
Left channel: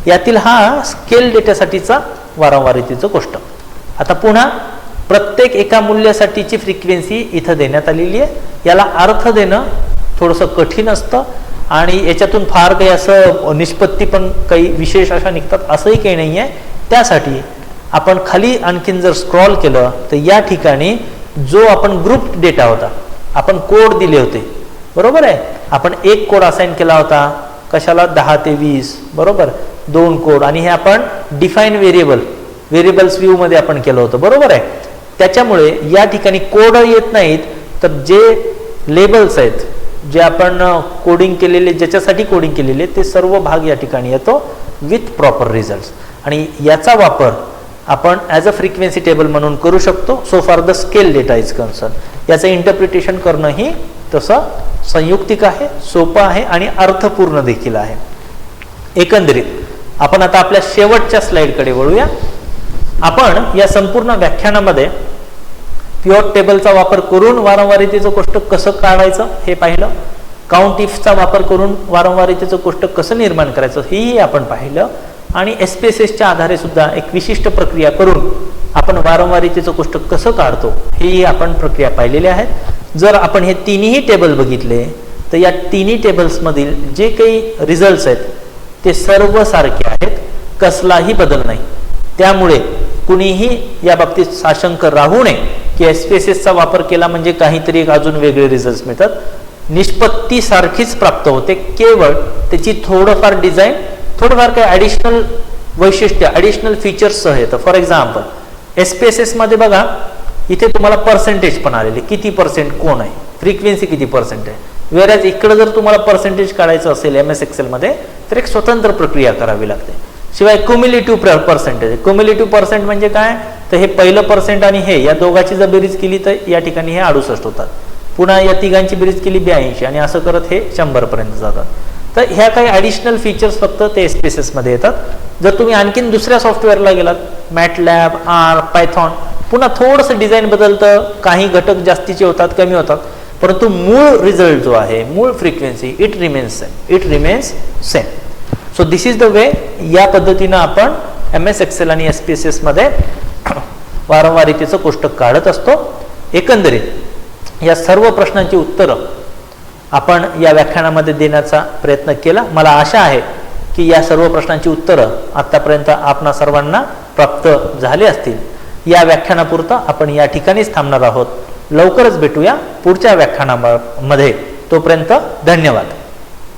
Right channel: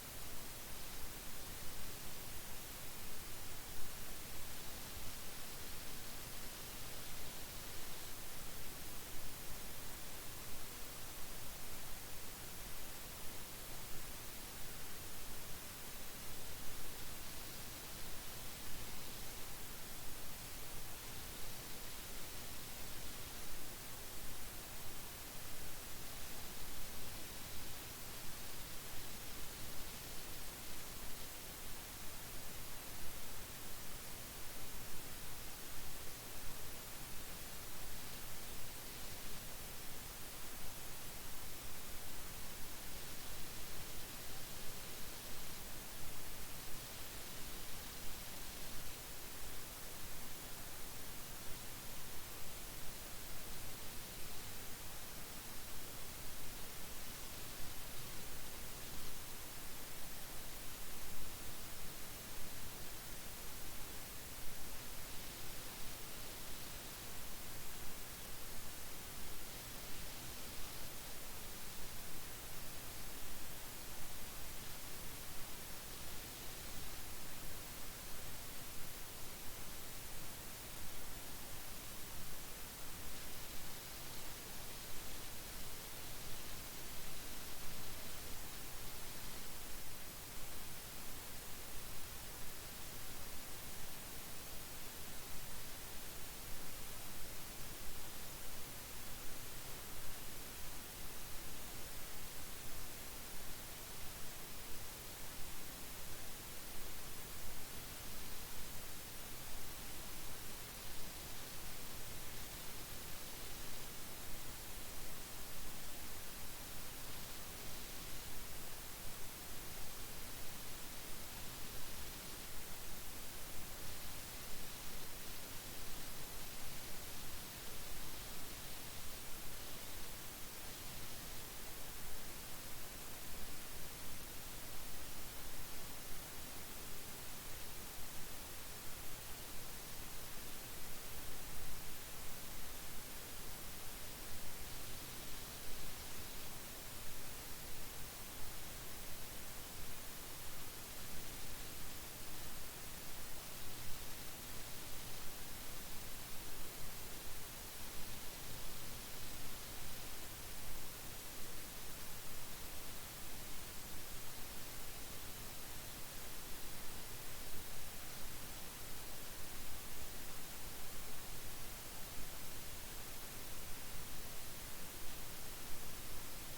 यातील हा स्केल डेटासाठीचा वारंवारितेचं कोष्टक. आता पुन्हा प्रत्येक एका मूल्यासाठीची फ्रिक्वेन्सी इथं देण्यात आलेली आहे. याला अर्थ देणं थोडंसं कठीण असतं आणि याच्यातून फार काही असं निष्पत्ती पण काही विशेष अशा निघतात असंही काही नाही आहे. त्यासाठी आपण खाली आणखीन जर स्क्रॉल केलं तर या ठिकाणी जो आपण ग्रुप डेटा होता, आपण कोड दिले होते, बरोबर आहे. आपण एक कोड असाइन केला होता, कशाला 10 ते 20, बरोबर, 2 कोड. आणि हे आपण डिफाईन व्हेरिएबल्स व्ह्यू मध्ये आपण केलं होतं, बरोबर आहे. त्याच्यामुळे या ठिकाणी कोड येत नाहीत, तर जे लेबल्स आहेत, जे आपण कोडिंग केलेले, ज्याच्यासाठी कोडिंग केलेले, ते सर्व भाग या ठिकाणी येतो विथ प्रॉपर रिझल्ट्स. आणि याचा वापर आपण ॲज अ फ्रिक्वेन्सी टेबल म्हणून करू शकतो. So far the scale data is concern. याचं इंटरप्रिटेशन करणंही तसं संयुक्तिक आहे, सोपं आहे आणि अर्थपूर्ण देखील आहे. एकंदरीत आपण आता आपल्या शेवटच्या स्लाइडकडे वळूया. आपण या संपूर्ण व्याख्यानामध्ये पिव्होट टेबलचा वापर करून वारंवारितेचं कोष्टक कसं काढायचं हे पाहिलं. काउंट इफचा वापर करून वारंवारितेचं कोष्टक कसं निर्माण करायचं हेही आपण पाहिलं. आणि SPSSच्या आधारे सुद्धा एक विशिष्ट प्रक्रिया करून आपण वारंवारितेचं कोष्टक कसं काढतो हेही आपण प्रक्रिया पाहिलेल्या आहेत. जर आपण हे तिन्ही टेबल बघितले तर या तिन्ही टेबल्समधील जे काही रिझल्ट्स आहेत ते सर्व सारखे आहेत, कसलाही बदल नाही. त्यामुळे कुणीही या बाबतीत साशंक राहू नये की SPSSचा वापर केला म्हणजे काहीतरी एक अजून वेगळे रिझल्ट्स मिळतात. निष्पत्ती सारखीच प्राप्त होते, केवळ त्याची थोडंफार डिझाईन, थोडंफार काही ॲडिशनल वैशिष्ट्य, ॲडिशनल फीचर्ससह येतं. फॉर एक्झाम्पल SPSSमध्ये बघा, इथे तुम्हाला पर्सेंटेज पण आलेले, किती पर्सेंट कोण आहे, फ्रिक्वेन्सी किती पर्सेंट आहे. वेरॅज इकडं जर तुम्हाला पर्सेंटेज काढायचं असेल MS एक्सेलमध्ये तर एक स्वतंत्र प्रक्रिया करावी लागते. शिवाय क्युम्युलेटिव्ह पर्सेंटेज, क्युम्युलेटिव्ह पर्सेंट म्हणजे काय, तर हे पहिलं पर्सेंट आणि हे या दोघांची जर बेरीज केली तर या ठिकाणी हे 68 होतात. पुन्हा या तिघांची बेरीज केली 82 आणि असं करत हे 100 पर्यंत जातात. तर ह्या काही ॲडिशनल फीचर्स फक्त ते SPSSमध्ये येतात. जर तुम्ही आणखीन दुसऱ्या सॉफ्टवेअरला गेलात, MATLAB, R, Python, पुन्हा थोडंसं डिझाईन बदलतं, काही घटक जास्तीचे होतात, कमी होतात, परंतु मूळ रिझल्ट जो आहे, मूळ frequency, it remains same. So this is the way. या पद्धतीनं आपण MS एक्सेल आणि SPSSमध्ये वारंवारितेचं कोष्टक काढत असतो. एकंदरीत या सर्व प्रश्नांची उत्तरं आपण या व्याख्यानामध्ये देण्याचा प्रयत्न केला. मला आशा आहे की या सर्व प्रश्नांची उत्तरं आतापर्यंत आपणा सर्वांना प्राप्त झाले असतील. या व्याख्यानापुरतं आपण या ठिकाणीच थांबणार आहोत. लवकरच भेटूया पुढच्या व्याख्यानामध्ये. तोपर्यंत धन्यवाद.